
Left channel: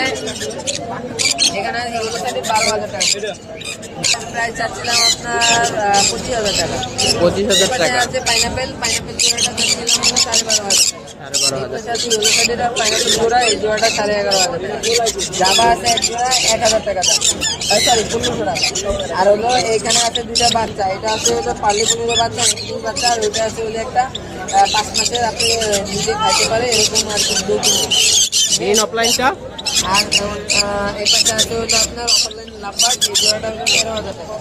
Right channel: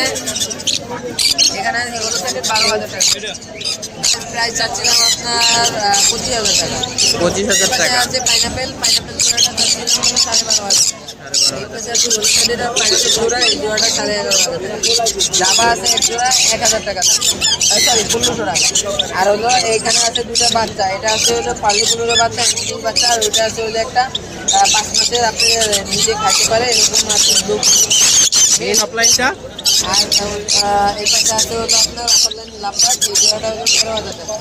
এখানে এগুলো সাথে 12,000 টাকা। প্রাইস চাচ্ছিলাম আপনার 25,000 টাকা। 25,000 টাকা। আছে পাইনাপেল, পাইনাপেল জোড়াটা চাচ্ছিলাম 12,500 12,500। জাবা আছে এক জোড়া 1,000 টাকা দাম, সরি 1500 টাকা। আর হলো এখানে আছে দুটা বাচ্চা, এটা আছে হলো পার্লি পনেরো বাচ্চা, ইংলিশ বাচ্চা। আর ওইটা আছে হলো একটা 5 মাসের, আপনি নিজে খাইতে পারে এরকম আর কি। মেন অফলাইনটা? আর এই পাশে আছে হলো আপনার অনলাইন লাভবার্ড, এই জোড়াটা হলো 13,000 টাকা।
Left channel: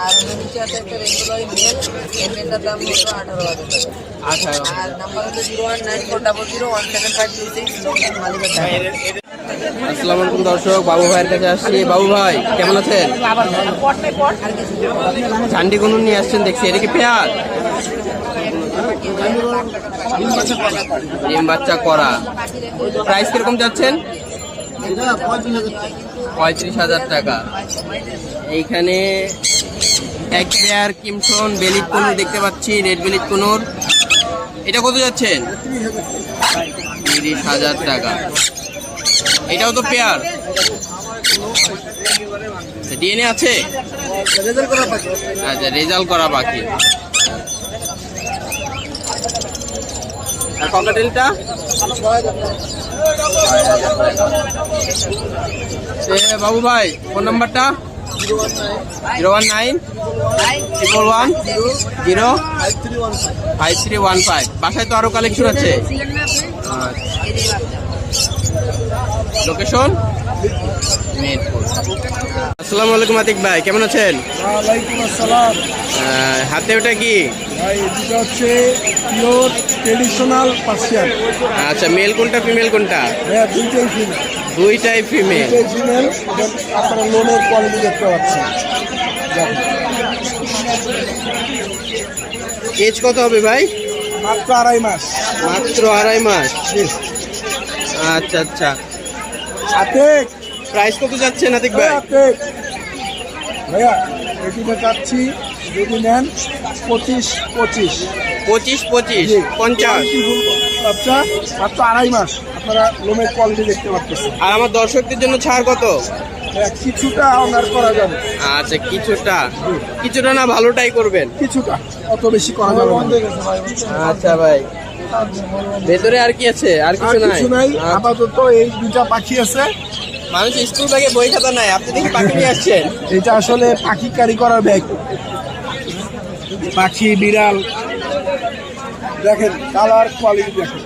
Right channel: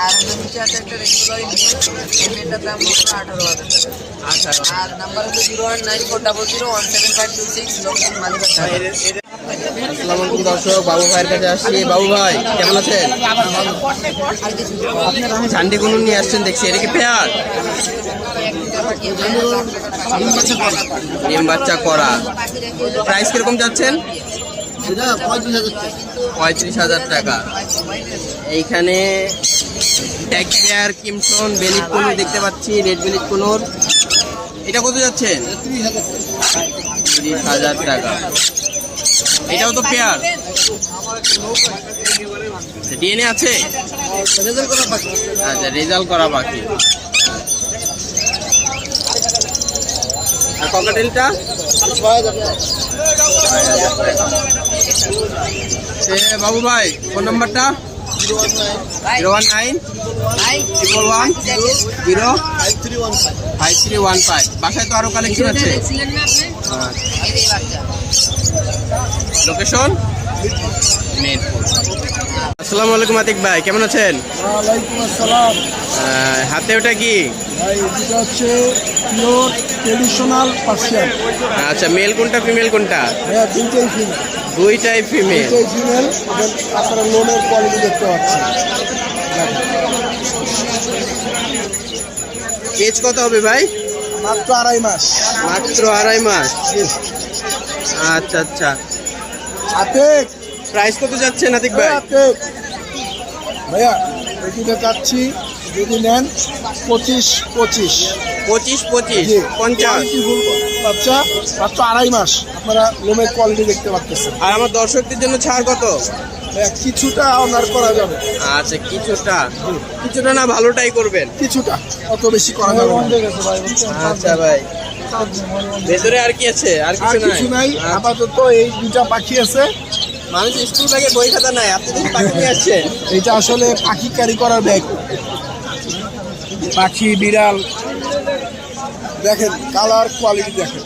আর নিচে আছে একটা রেগুলার মেল, এই মেলটার দাম হলো 18,000 টাকা। 18। আর নাম্বার হচ্ছে 01940017526, লোকেশন মালিবাগ। আসসালামু আলাইকুম দর্শক, বাবু ভাইয়ের কাছে আসছি। বাবু ভাই কেমন আছেন? ঝান্ডি গুনুন নিয়ে আসছেন দেখছি, এটা কি পেয়ার? ডিম বাচ্চা করা। প্রাইস কিরকম যাচ্ছেন? 35,000 টাকা। এইখানে ট্যাগ পেয়ার, কিমসন, বেলিট কোনুর দেখতে পাচ্ছি, রেড বেলিট কোনুর। এটা কত যাচ্ছেন? 30,000 টাকা। এটাও তো পেয়ার। ডিএনএ আছে? আচ্ছা, রেজাল্ট করা বাকি। আর ককাটেলটা? 6,000 টাকা। বাবু ভাই ফোন নাম্বারটা? 019 111 5315। বাসায় তো আরো কালেকশন আছে। লোকেশন মিরপুর। আসসালামু আলাইকুম আতিক ভাই, কেমন আছেন? ওয়ালাইকুম আসসালাম হাতে ওটা কি? ভাই। এটা হচ্ছে পিওর ট্রেডিশনাল পার্সিয়ান। আচ্ছা, মেল কোনটা ফিমেল কোনটা? ভাইয়া দুইটাই ফিমেল। দুইটাই ফিমেল। দুইটাই ফিমেল। আপনারা লোনের কোয়ালিটি দেখতে পাচ্ছেন। এজ কত হবে ভাই? মাত্র 2.5 মাস। মাত্র 2.5 মাস। আচ্ছা আচ্ছা। হাতে প্রাইস কত যাচ্ছে নাতিক ভাই? ভাইয়া এটিতে চাচ্ছি যদি নেন 25 25 25 50। বাচ্চা মাত্র 2.5 মাস। আপনারা লোমের কোয়ালিটি দেখতে পাচ্ছেন। আর আমার দর্শকদের জন্য ছাড় কত? কিছুটা অনার করা যাবে। আচ্ছা, কিছুটা না, ভালোটাই করবেন। কিছুটা, অত বেশি করা যাবে না। আচ্ছা ভাই, ভেতরে আর কি আছে? আর কিছু নাই আপাতত। এই দুটা পাখি আছে। মানুষ স্কুল থেকে বই খাতা নাই, আপনি দেখি পাখি নিয়ে আসছেন। এটা আসলে পাখি ক্যারি করার ব্যাগ। পাখি বিড়াল দেখেন, কালার কোয়ালিটি দেখেন।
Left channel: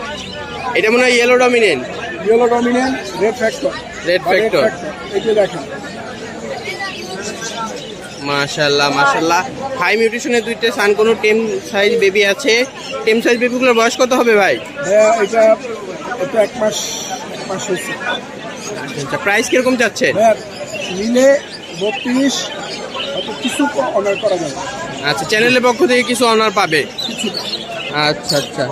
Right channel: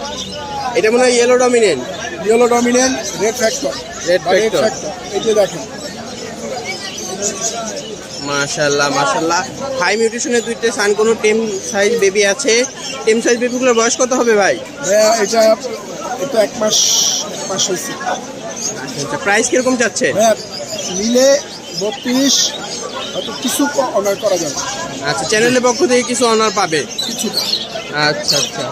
এটা মনে হয় yellow dominant. Yellow dominant, red factor. Red factor. এই যে দেখেন, মাশাআল্লাহ মাশাআল্লাহ। হাই মিউটেশনের দুইটা সানকোনো টেম সাইজ বেবি আছে। টেম সাইজ বেবিগুলোর বয়স কত হবে ভাই? ভাইয়া এটা এটা 1 মাস হয়েছে। আচ্ছা, প্রাইস কিরকম চাচ্ছে? ভাইয়া নিলে 32 হয়তো কিছু অনার করা যাবে। আচ্ছা, চ্যানেলের পক্ষ থেকে কিছু অনার পাবে কিছুটা। আচ্ছা আচ্ছা।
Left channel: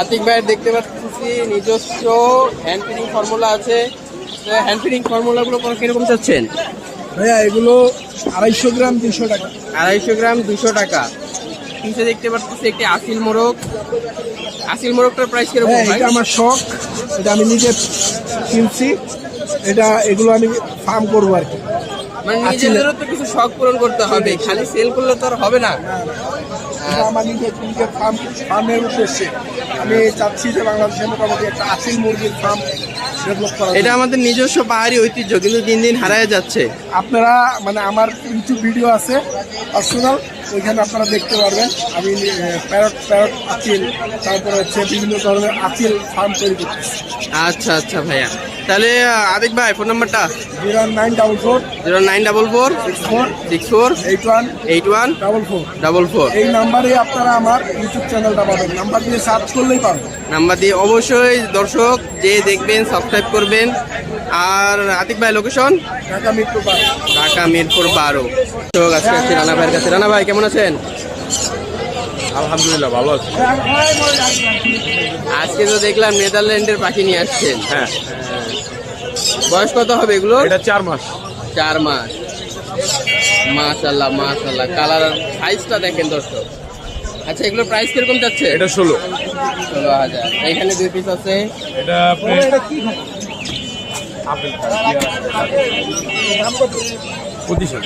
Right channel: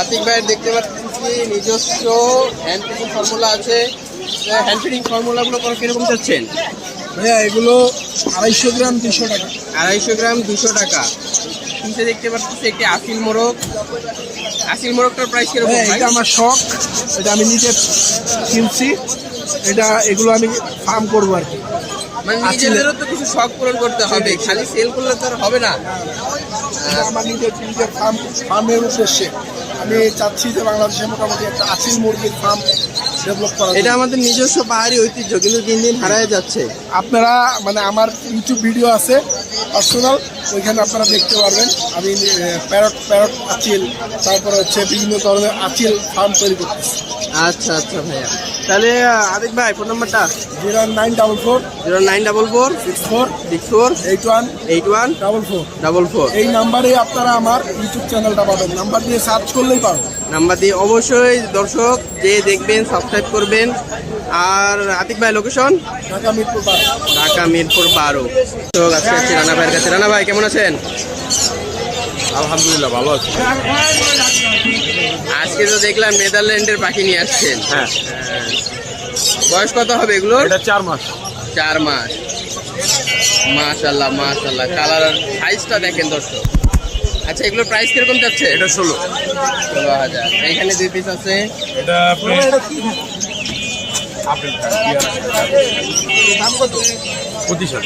আতিক ভাই দেখতে পাচ্ছি নিজস্ব হ্যান্ড ফিডিং ফর্মুলা আছে। হ্যান্ড ফিডিং ফর্মুলাগুলো কিরকম চাচ্ছেন? ভাইয়া এগুলো 250 গ্রাম 200 টাকা। 250 গ্রাম 200 টাকা। নিচে দেখতে পাচ্ছি একটি আসিল মোরগ। আসিল মোরগটার প্রাইস কিরকম ভাই? এটা আমার শখ, এটা আমি নিজে কিনছি, এগুলো আমি ফার্ম করবো আর কি। মানে নিজেদেরও তো কিছু শখ পূরণ করতে হবে, খালি সেল করলে তো আর হবে না। এটা আমার নিজের ফার্মের উদ্দেশ্যে আমি চাচ্ছি যে বাংলাদেশে মোটামুটি একটা আসিল মুরগির ফার্ম ডেভেলপ করা। এটা আমাদের নিজস্ব পাহাড়ি ঐতিহ্য, কিন্তু দিন দিন হারায় যাচ্ছে। আপনারা মানে আমার ইউটিউব ভিডিও আছে পার্সোনাল, ওইখানে আপনারা দেখতে পারবেন। আমি প্যারট আচিল, তারপরে হচ্ছে বিভিন্ন ধরনের আচিল ফার্ম তৈরি করতেছি। আচ্ছা আচ্ছা ভাইয়া, তাহলে আতিক ভাই ফোন নাম্বারটা 0944 0944 64 64 81 81 44। 44 এই নাম্বারে আপনারা আমার ইউটিউব চ্যানেলটা পাবেন, নাম্বার দিয়ে সার্চ করলেই পাবেন। নাম্বার দিয়ে অবশ্যই দর্শক যে দেখবেন সাবস্ক্রাইব করবেন। আর আতিক ভাই লোকেশন ঢাকা মিরপুর 12। ঢাকা মিরপুর 12। তো আজকে আছি রানা ভাইয়ের কাছে। রানা ভাই কেমন আছেন? আলহামদুলিল্লাহ ভালো আছি। আজকে তো দেখলাম নেদারল্যান্ডের পাখি নিয়ে আসছেন। হ্যাঁ, বয়স কত হবে এগুলো? এটা 4 মাস। 4 মাস। মাশাআল্লাহ মাশাআল্লাহ, কালার আর সাইজটা দেখেন দর্শক। আচ্ছা, এগুলোর প্রাইস কিরকম যাচ্ছে? এটা 16। 16,000। এইখানে 2 পিস আছে। এটা আপনি আপেল খান, দাম কত? 25,000।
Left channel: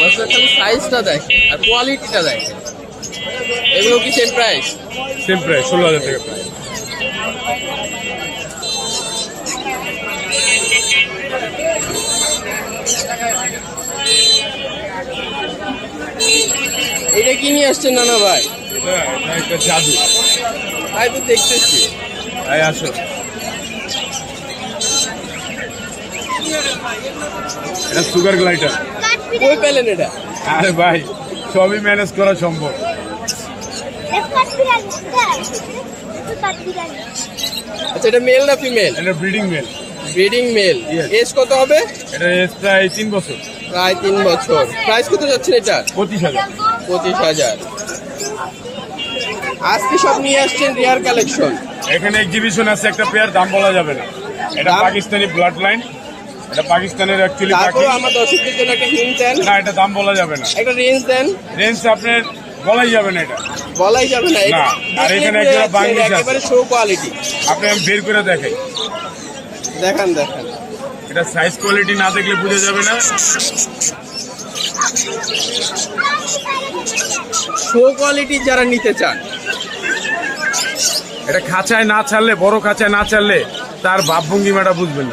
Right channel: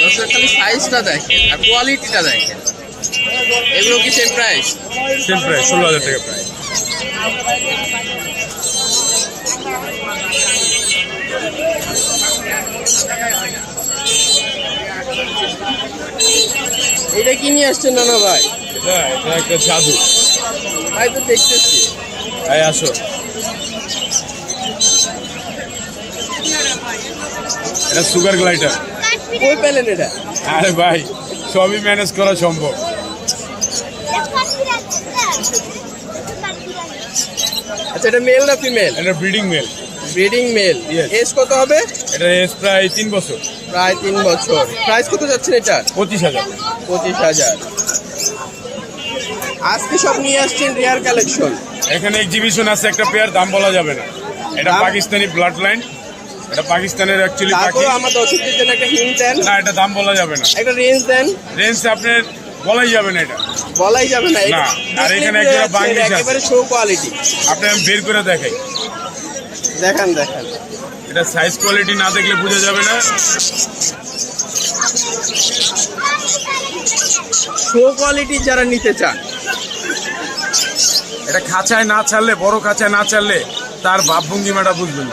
দর্শক খালি সাইজটা দেখেন আর কোয়ালিটিটা দেখেন। এগুলো কি সেম প্রাইস? সেম প্রাইস 16,000 টাকা প্রাইস। এটা কি নিয়ে আসছেন নানা ভাই? এটা একটা জাদু। তাই তো দেখতেছি। এই আসো, এটা সুগার গ্লাইডার। কই পেলেন এটা? আরে ভাই, সবই ম্যানেজ করা সম্ভব। আচ্ছা, এটা মেল না ফিমেল? এটা breeding male. Breeding male. Yes. Age কত হবে? এটা এজ প্রায় 3 বছর। প্রায় 3 বছর। প্রাইস কত যাচ্ছেন এটা? 25,000। 25,000। আজকে সব নিয়ে আসছেন রিয়ার কালেকশন। এখানে এক্সিবিশন আছে একটা পেয়ার, দাম বলা যাবে না। এটা দাম? পাকিস্তানি ব্লাড লাইন, এটা পাকিস্তানের অ্যাকচুয়ালি পাখি। তারপর আমার দর্শকদের জন্য একটা হিন্ট দেন। না, এটা দাম বলা যাবে না। একটা রেঞ্জ দেন। রেঞ্জ আপনার বলাই যাবে না, এটা বলাই যাবে না। না, আর এখানে দেখলেই একটা বোঝা যাচ্ছে বাংলিশ এটা আছে। একেবারে শো কোয়ালিটি। আপনি আমি বের করে দেখাই। দেখান দেখান। এটা সাইজ কোয়ালিটি না দেখলে বোঝা যাবে না। শো কোয়ালিটি যারা নিতে চান, এটা খাঁচায় না ছাড়লে, বড় খাঁচায় না ছাড়লে তার ভাবভঙ্গিমাটা বুঝবেন।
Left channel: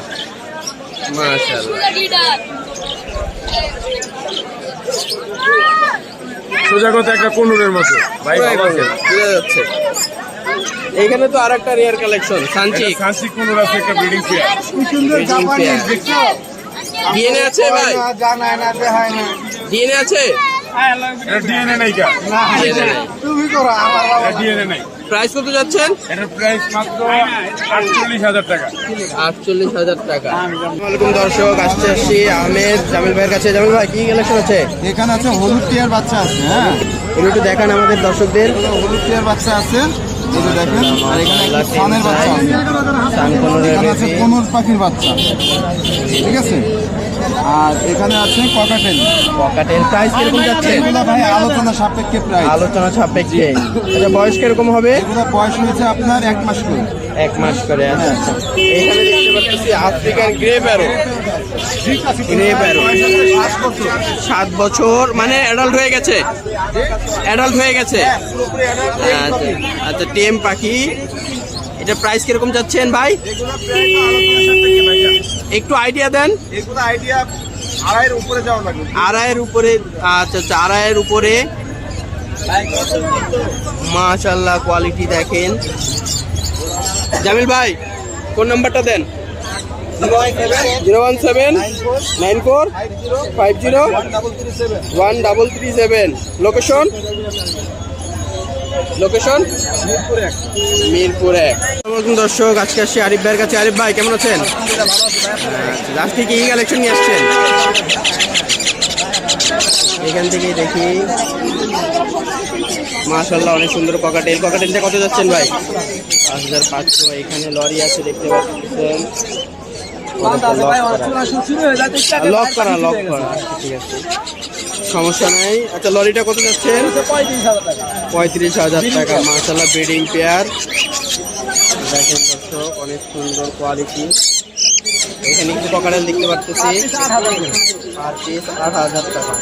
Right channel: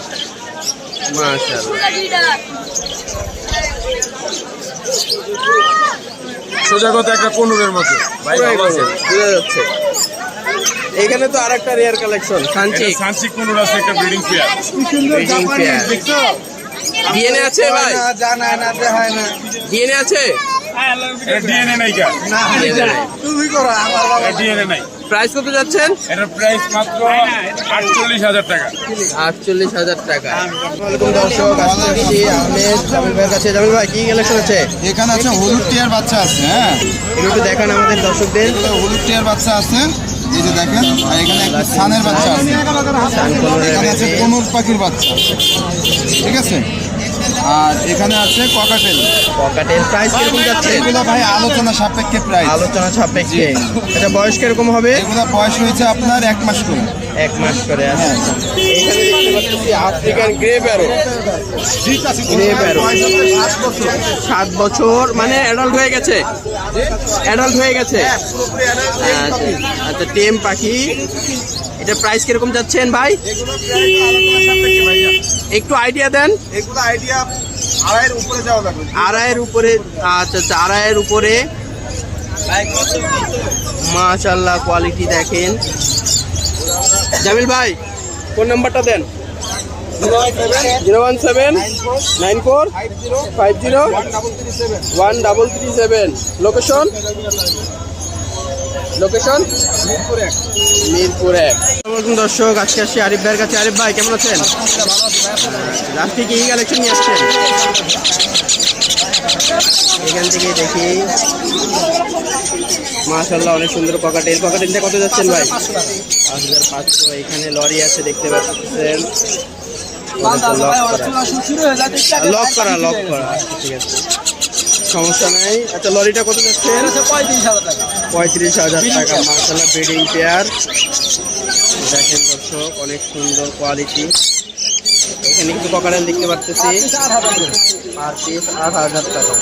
মাশাআল্লাহ। সোজা কথা একটা কোনুরের মতো ভাই, পুরাই ভালো আছে? গরম, বোঝা যাচ্ছে। এখানে তো আরেকটা রেয়ার কালেকশন সানচিক। এটা সানসিক কোনুর আছে, একটা ব্রিডিং পেয়ার। কি সুন্দর Breeding জাপানি, pair। দেখছো? ডিএনএ আছে ভাই? জানায় না, দেখায় না। ডিএনএ আছে? এটা ডিএনএ নাই কা? না, ডিএনএ নাই। তুমি করো, আমার বাবা এটা ডিএনএ নাই। প্রাইস কত যাচ্ছেন? এটার প্রাইস মাত্র 48,000 টাকা। 48,000 টাকা। আসসালামাইকুম দর্শক, আসছি আহমেদ জামিল ভাইয়ের কাছে। জামিল ভাই কি কালেকশন আছে? এখানে আছে হলুদ টিয়ার বাচ্চা আছে। হ্যাঁ, এগুলো একটু দেখান আমাদের দর্শকদের। এগুলো হলুদ টিয়ার বাচ্চা আছে, এই যে দেখেন। আর এখানে একটা সানের বাচ্চা আছে, সান কোনোরের এখানে আছে বেবি। কোনুর পাখির বাচ্চা, ঠিক আছে। আর এখানে আছে ককাটেল। পকাটেল প্রাইস কিরকম যাচ্ছে? এগুলো ভাই আলোচনা সাপেক্ষে প্রাইস। আলোচনা সাপেক্ষে। এটা বয়স কিরকম হবে? এগুলো বয়স হয়েছে আপনার 1 মাস করে। 1 মাস করে। আচ্ছা আচ্ছা। এখানে দেখতে পাচ্ছি আফ্রিকান গ্রে প্যারো। গ্রে প্যারো 7 বছর, মানে অ্যাডাল্ট হয়ে গেছে। অ্যাডাল্ট হয়ে গেছে। আচ্ছা আচ্ছা, টেম পাখি। এটা প্রাইস কিরকম যাচ্ছেন ভাই? একটু আইডিয়া দেন। এগুলো আইডিয়া 2.5 উপরে যাওয়া লাগবে। 2.5 উপরে। আচ্ছা আচ্ছা, 2.5 উপরে। মাশাআল্লাহ, কোয়ালিটি দেখেন। জামিল ভাই ফোন নাম্বারটা দেন। 01794 50 1337 লোকেশন মিরপুর 1। আসসালামু দর্শক, আজকে আসছি আরিফ ভাইয়ের কাছে। আরিফ ভাই কেমন আছেন? আজকে কি কালেকশন নিয়ে আসছেন? এখান থেকে দেখি মাশাআল্লাহ অনেক সুন্দর ককাটেলটা কত যাচ্ছেন ভাই? 5500। এখানে লরি আছে দেখতে পাচ্ছেন, লক করা আচ্ছা, ঠিক আছে সমস্যা নাই। আচ্ছা লরিটা কত যাচ্ছে? 35,000 টাকা। মাশাআল্লাহ ব্রিডিং পেয়ার দেখেন দর্শক, অনেক সুন্দর কোয়ালিটি। এখানে কিছু ককাটেল দেখতে পাচ্ছি, পার পিস 8,000 টাকা।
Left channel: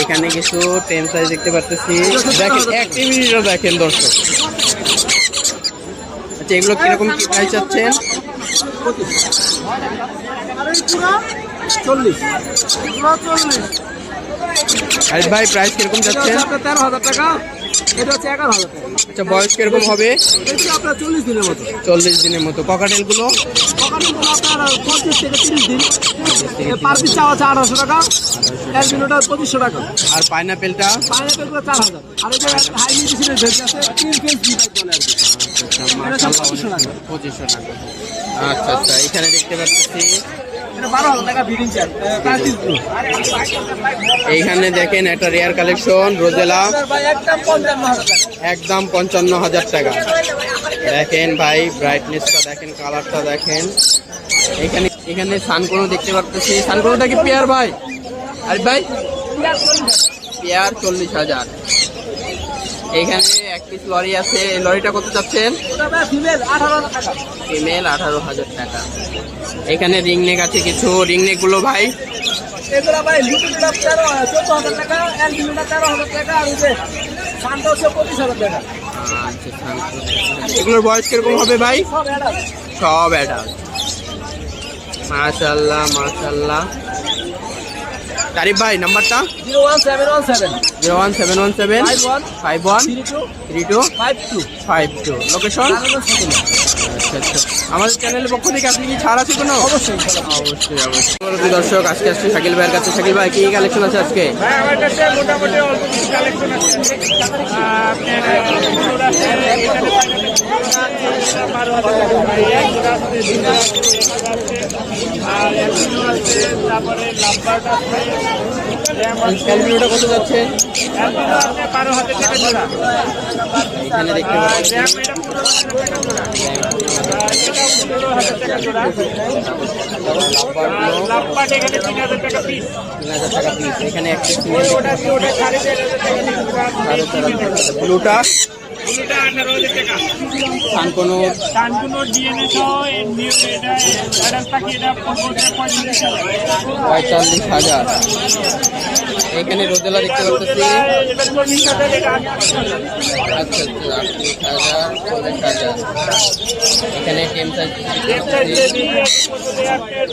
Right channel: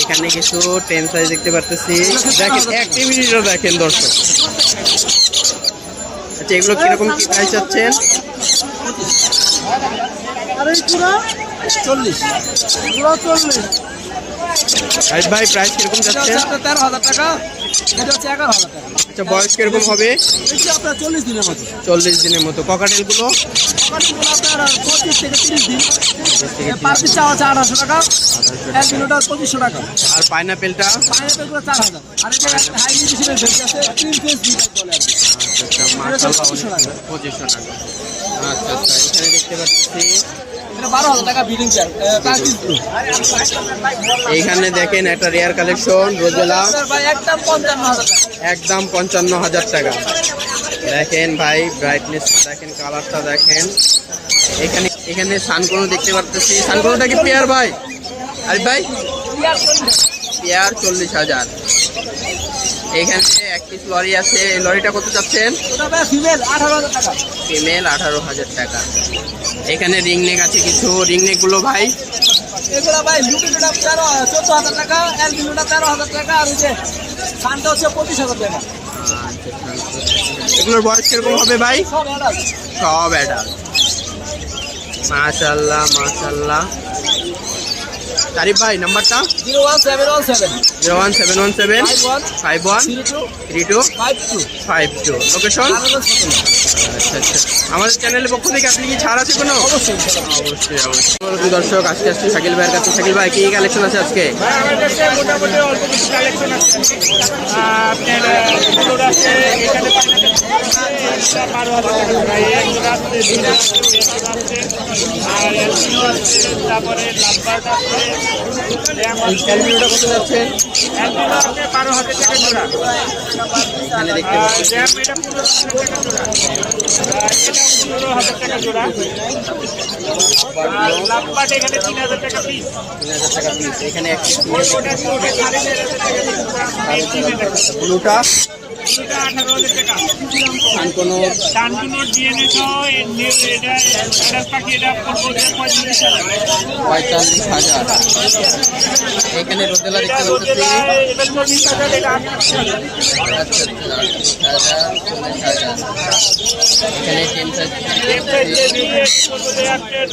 এখানে কিছু টেন সাইজ দেখতে পাচ্ছি, দেখেন অ্যাক্টিভিটিটা দেখেন দর্শক। আচ্ছা এগুলো কিরকম কি প্রাইস চাচ্ছেন? 40 আরিফ ভাই প্রাইস কিরকম যাচ্ছেন? 13,000 টাকা, এটা হচ্ছে 11,000 টাকা। আচ্ছা বয়স কিরকম হবে? এটা আপনার 40 দিনের মতো। 40 দিনের মতো। ককাটেলগুলো ককাটেলগুলো আপনার 25 থেকে 30 দিন, পার পিস চাওয়া আছে 1800 টাকা, 1 কিলোটা 2500 টাকা। আর পাইনাপেলটা? পাইনাপেলগুলো 4,000। আর এটা হাই নিউট্রিশনের ভেজ আছে, 3 ফেজ ডিভাইড বলে আর কি। আচ্ছা মাশাআল্লাহ 2500 টাকা। আচ্ছা এখানে দেখতে পাচ্ছি এটা 12,000 টাকা ব্রিডিং চার, টার্কিশ ব্লু। এইখানে দেখেন একটা রেয়ার কালেকশন রোজেলা, ভাই একদম 55,000 টাকা। একদম 55,000 টাকা। দেখেন ভাই ব্রাইটনেসটা দেখেন, কালারটা দেখেন। এখানে সানকোনো দেখতে পাচ্ছি, সানকোনোটা কি পেয়ার ভাই? আরিফ ভাই পেয়ার 40,000। এইখানে এক পিস লরি আছে, এই লরিটা কত চাচ্ছেন? ফিমেল 18,000 টাকা। ফিমেল 18,000 টাকা। এখানে রিংনেক আছে কিছু, রিংনেক গুলো ভাই এগুলা ভাই লুটিটা 14,000 টাকা, এলবিলুটা 13,000 টাকা, আর ওই যে সানটা হচ্ছে 25,000 টাকা। আচ্ছা এগুলোর বয়স কিরকম হবে ভাই? সব অ্যাডাল্ট। সব অ্যাডাল্ট। মাশাআল্লাহ মাশাআল্লাহ। আরিফ ভাই নাম্বারটা? 01717 01717 51 32 52 52। লোকেশন? আচ্ছা আমাদের চ্যানেলের পক্ষ থেকে আপনি কি ছাড় আছে কোনো? অবশ্যই অবশ্যই। দর্শক আজকে আসছি শাকিল ভাইয়ের কাছে। শাকিল ভাই কি কালেকশন আছে আজকে? ভাই আমার কাছে মোটামুটি অল্প কিছু কালেকশন আছে। আর অ্যালবিনো আছে, তারপরে লাভবার্ড আছে। ক্যালভিনোটা কত যাচ্ছেন? অ্যালবিনো আছে 12,000 টাকা জোড়া। এখানে দেখতে পাচ্ছি জ্যাম এটা 15,000 টাকা জোড়া। এটা 15,000 টাকা জোড়া। লাভবার্ড এখানে 3,000 টাকা পিস। 3,000 টাকা পিস। এখানে একটি সিঙ্গেল দেখতে পাচ্ছি, ওটা 4,500 টাকা পিস। 4,500 টাকা। ব্লুটা ওটা 18,000 টাকা। সানকোনো কানকুনোর ডিএনএ সহ এটা অ্যাডাল্ট পাখি, এটা পড়বে 45,000। 45,000। এখানে রোজেলা দেখতে পাচ্ছি, আচ্ছা 38,000 40,000। এখানে টেম সাইজ পড়বে আপনার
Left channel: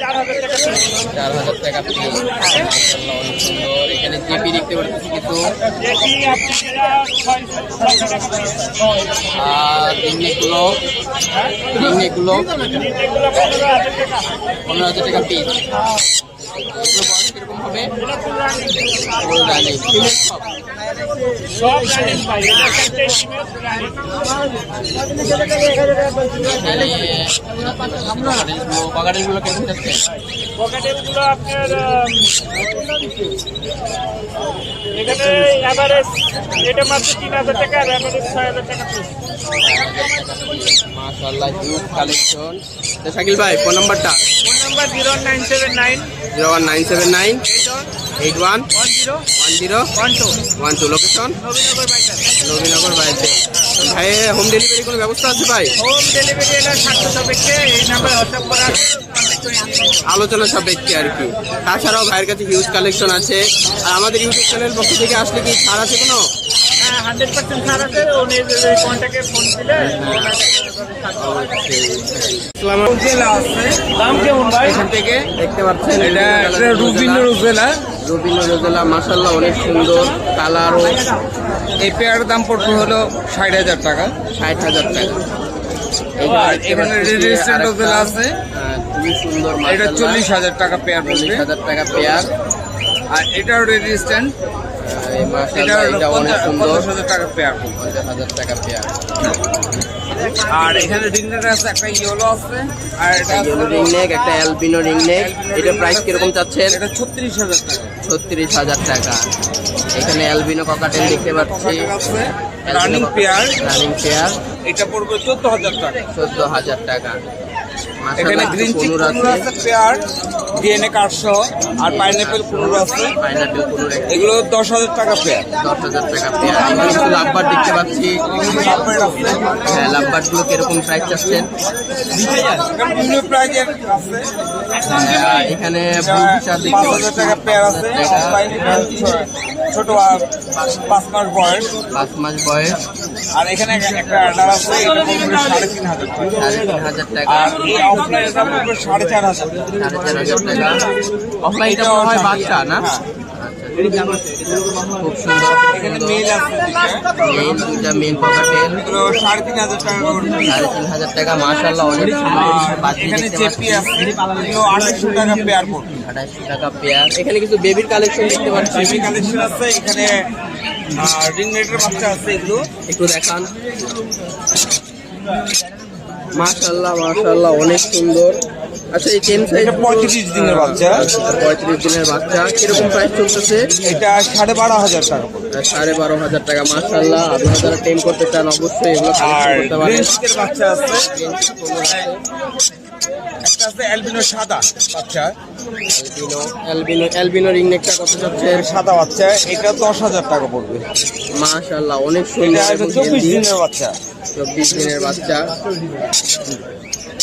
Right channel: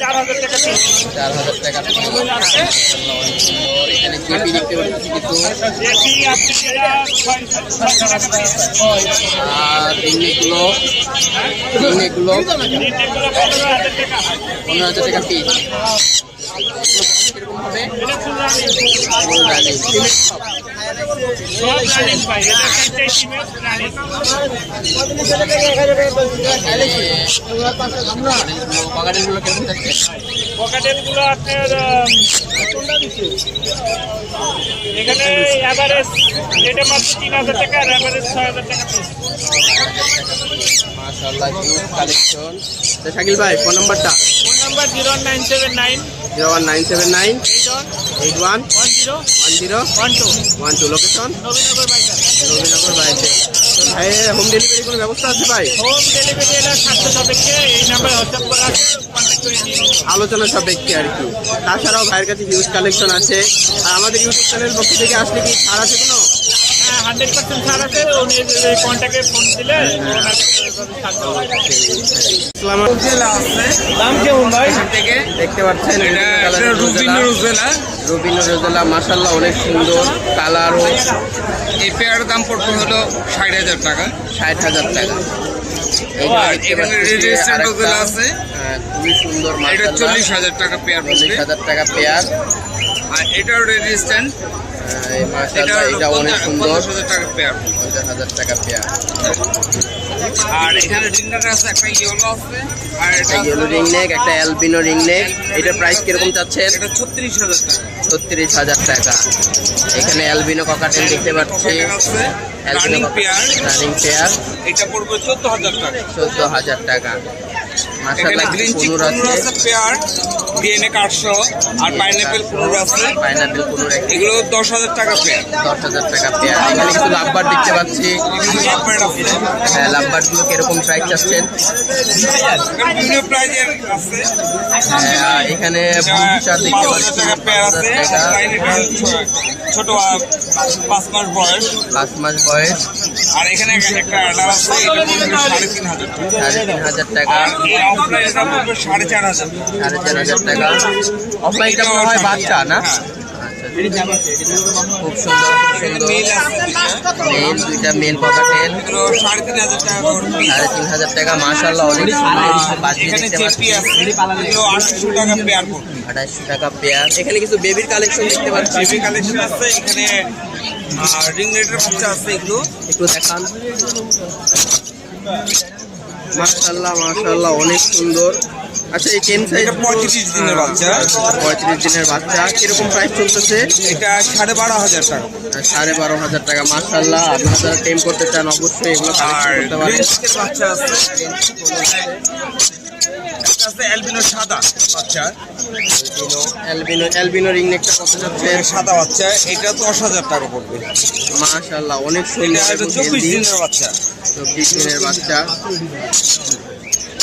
4,000 টাকা পিস। 4,000 টাকা পিস। মাশাআল্লাহ অনেক সুন্দর। এখানে জিপি দেখতে পাচ্ছি কিছু, আর রিংনেকগুলো 15,000 টাকা পিস। এগুলো বয়স কিরকম হবে? এগুলো রানিং ফিমেল সব। বাগাড়িগুলো কেমন যাচ্ছে? পকেটেলগুলো আপনার এখানে অ্যাভারেজ এটা মাত্র 3,000 টাকা, আর অ্যাভারেজ 6,000 টাকা পিস। মাশাআল্লাহ হিউজ কালেকশন। তো শাকিল ভাই ফোন নাম্বারটা? Phone number 01979 01979 81 10 12 location? Nabinagar biker. Nabinagar বাড়িতে। তো ভাই হোম ডেলিভারি কোনো ব্যবস্থা আছে ভাই? হোম ডেলিভারি এটা 700 সাপেক্ষে, এই নাম্বার হোয়াটসঅ্যাপ করা আছে। আলোচনা সাপেক্ষে আর কি। তাছাড়াও ভাইয়ের কাছে হিউজ কালেকশন আছে। আর আমাদের ইউটিউব চ্যানেল পক্ষ থেকে আসলে কি ছাড় আছে কোনো? হ্যাঁ 100% ছাড় আছে। উনি কন্ট্যাক্টে ফোন দিলে দাম কেমন ভাই? এখান থেকে দেখতে পাচ্ছেন বিভিন্ন কালারের রুবিনো রোজেলা। মাশাআল্লাহ অনেক সুন্দর কালারও। এই পেয়ারের দাম পড়বে হলো 60,000 টাকা। 60,000 টাকা। এইখানে দেখতে পাচ্ছি আরেকটা খুবই সুন্দর মাশাআল্লাহ, 40,000 টাকা পেয়ার 40,000 টাকা পেয়ার। আর এটাও রেজিস্ট্যান্ট, মাশাআল্লাহ এটা অনেক সুন্দর, 50,000 টাকা পেয়ার। 50,000 টাকা পেয়ার। আর এখানে রিংনেট আছে, একটা ইয়েলো আছে, আর এটা ইয়েলো রিং নেক, একটা অ্যালবিনো রিং নেক। এটার প্রাইস কিরকম চাচ্ছেন? এটা 36,000 টাকা। 36,000 টাকা। এখানে অ্যালবিনো ককাটেল দেখতে পাচ্ছি, আছে albino running pair, running pair, এটা পড়বে 14,000 টাকা। 14,000 টাকা। এখানে মাশাআল্লাহ গ্রিন চিক কুনুর কুনুর আছে, আছে পেয়ার, ডিএনএ কার্ডসহ, আর পাইনাপেল কুনুর আছে, পাইনাপেল কুনুর এগুলো 10,000 টাকা পেয়ার। 10,000 টাকা পেয়ার। এখানে কিছু লাভবার দেখতে পাচ্ছি, লাভবার্ড আছে, হ্যাঁ লাভবার্ড গুলো কিরকম প্রাইস চাচ্ছেন? এখানে বিভিন্ন প্রাইজের আছে। এখানে বুলফিশার দেখতে 5,000 পাচ্ছি, টাকা পেয়ার আছে, 5,000 টাকা, অফলাইন এটা ছোট 5 মাস বয়স। 5 মাস বয়স, আর এখানে একটা অ্যাডার আছে, এটা পড়বে 3,500 টাকা। 3,500 টাকা, আর এই অফলাইন এটা পড়বে 4,500 টাকা। 4,500 টাকা। অফলাইনটা মনে হয় বাচ্চা না? হ্যাঁ। আচ্ছা, খুব সুন্দর, খুব সুন্দর। মেল আছে দুইটা। মেল, দুইটা মেল ককাটেল, এগুলো 3,500 টাকা করে পিস। 3,500 টাকা। মাশাআল্লাহ অনেক সুন্দর বাজি এখানে দেখতে জেপি পাচ্ছি, আছে, এগুলো 2,800 টাকা পেয়ার পড়বে। 2,800 টাকা পেয়ার। এখানে কিছু বেবির কালেকশন দেখতে পাচ্ছি, বেবি কালেকশন আছে, এখানে রিং নেটের বাচ্চা আছে, এগুলো একটু দেখান। মাশাআল্লাহ মাশাআল্লাহ অনেক সুন্দর। আচ্ছা এই চেন সাইজ এটা 35 দিনের বাচ্চা। 35 দিনের বাচ্চা। কিরকম প্রাইস চলতেছে? এটা 12,500 টাকা পড়বে। 12,500 টাকা। মাশাআল্লাহ আপনারা যারা টেম করতে চান অবশ্যই এগুলো কালেকশন আর করতে পারেন। গ্রিন চিকের বাচ্চা আছে, এটা আছে অ্যালবিনো সাদা বাচ্চা, অ্যালবিনো রিং নেকটা কত যাচ্ছে? সাদা বাচ্চা, এটা 10,000 টাকা পড়বে। মাশাআল্লাহ অনেক এটা সুন্দর আছে এবং 24 হেলদি। দিনের বাচ্চা। 24 দিনের বাচ্চা।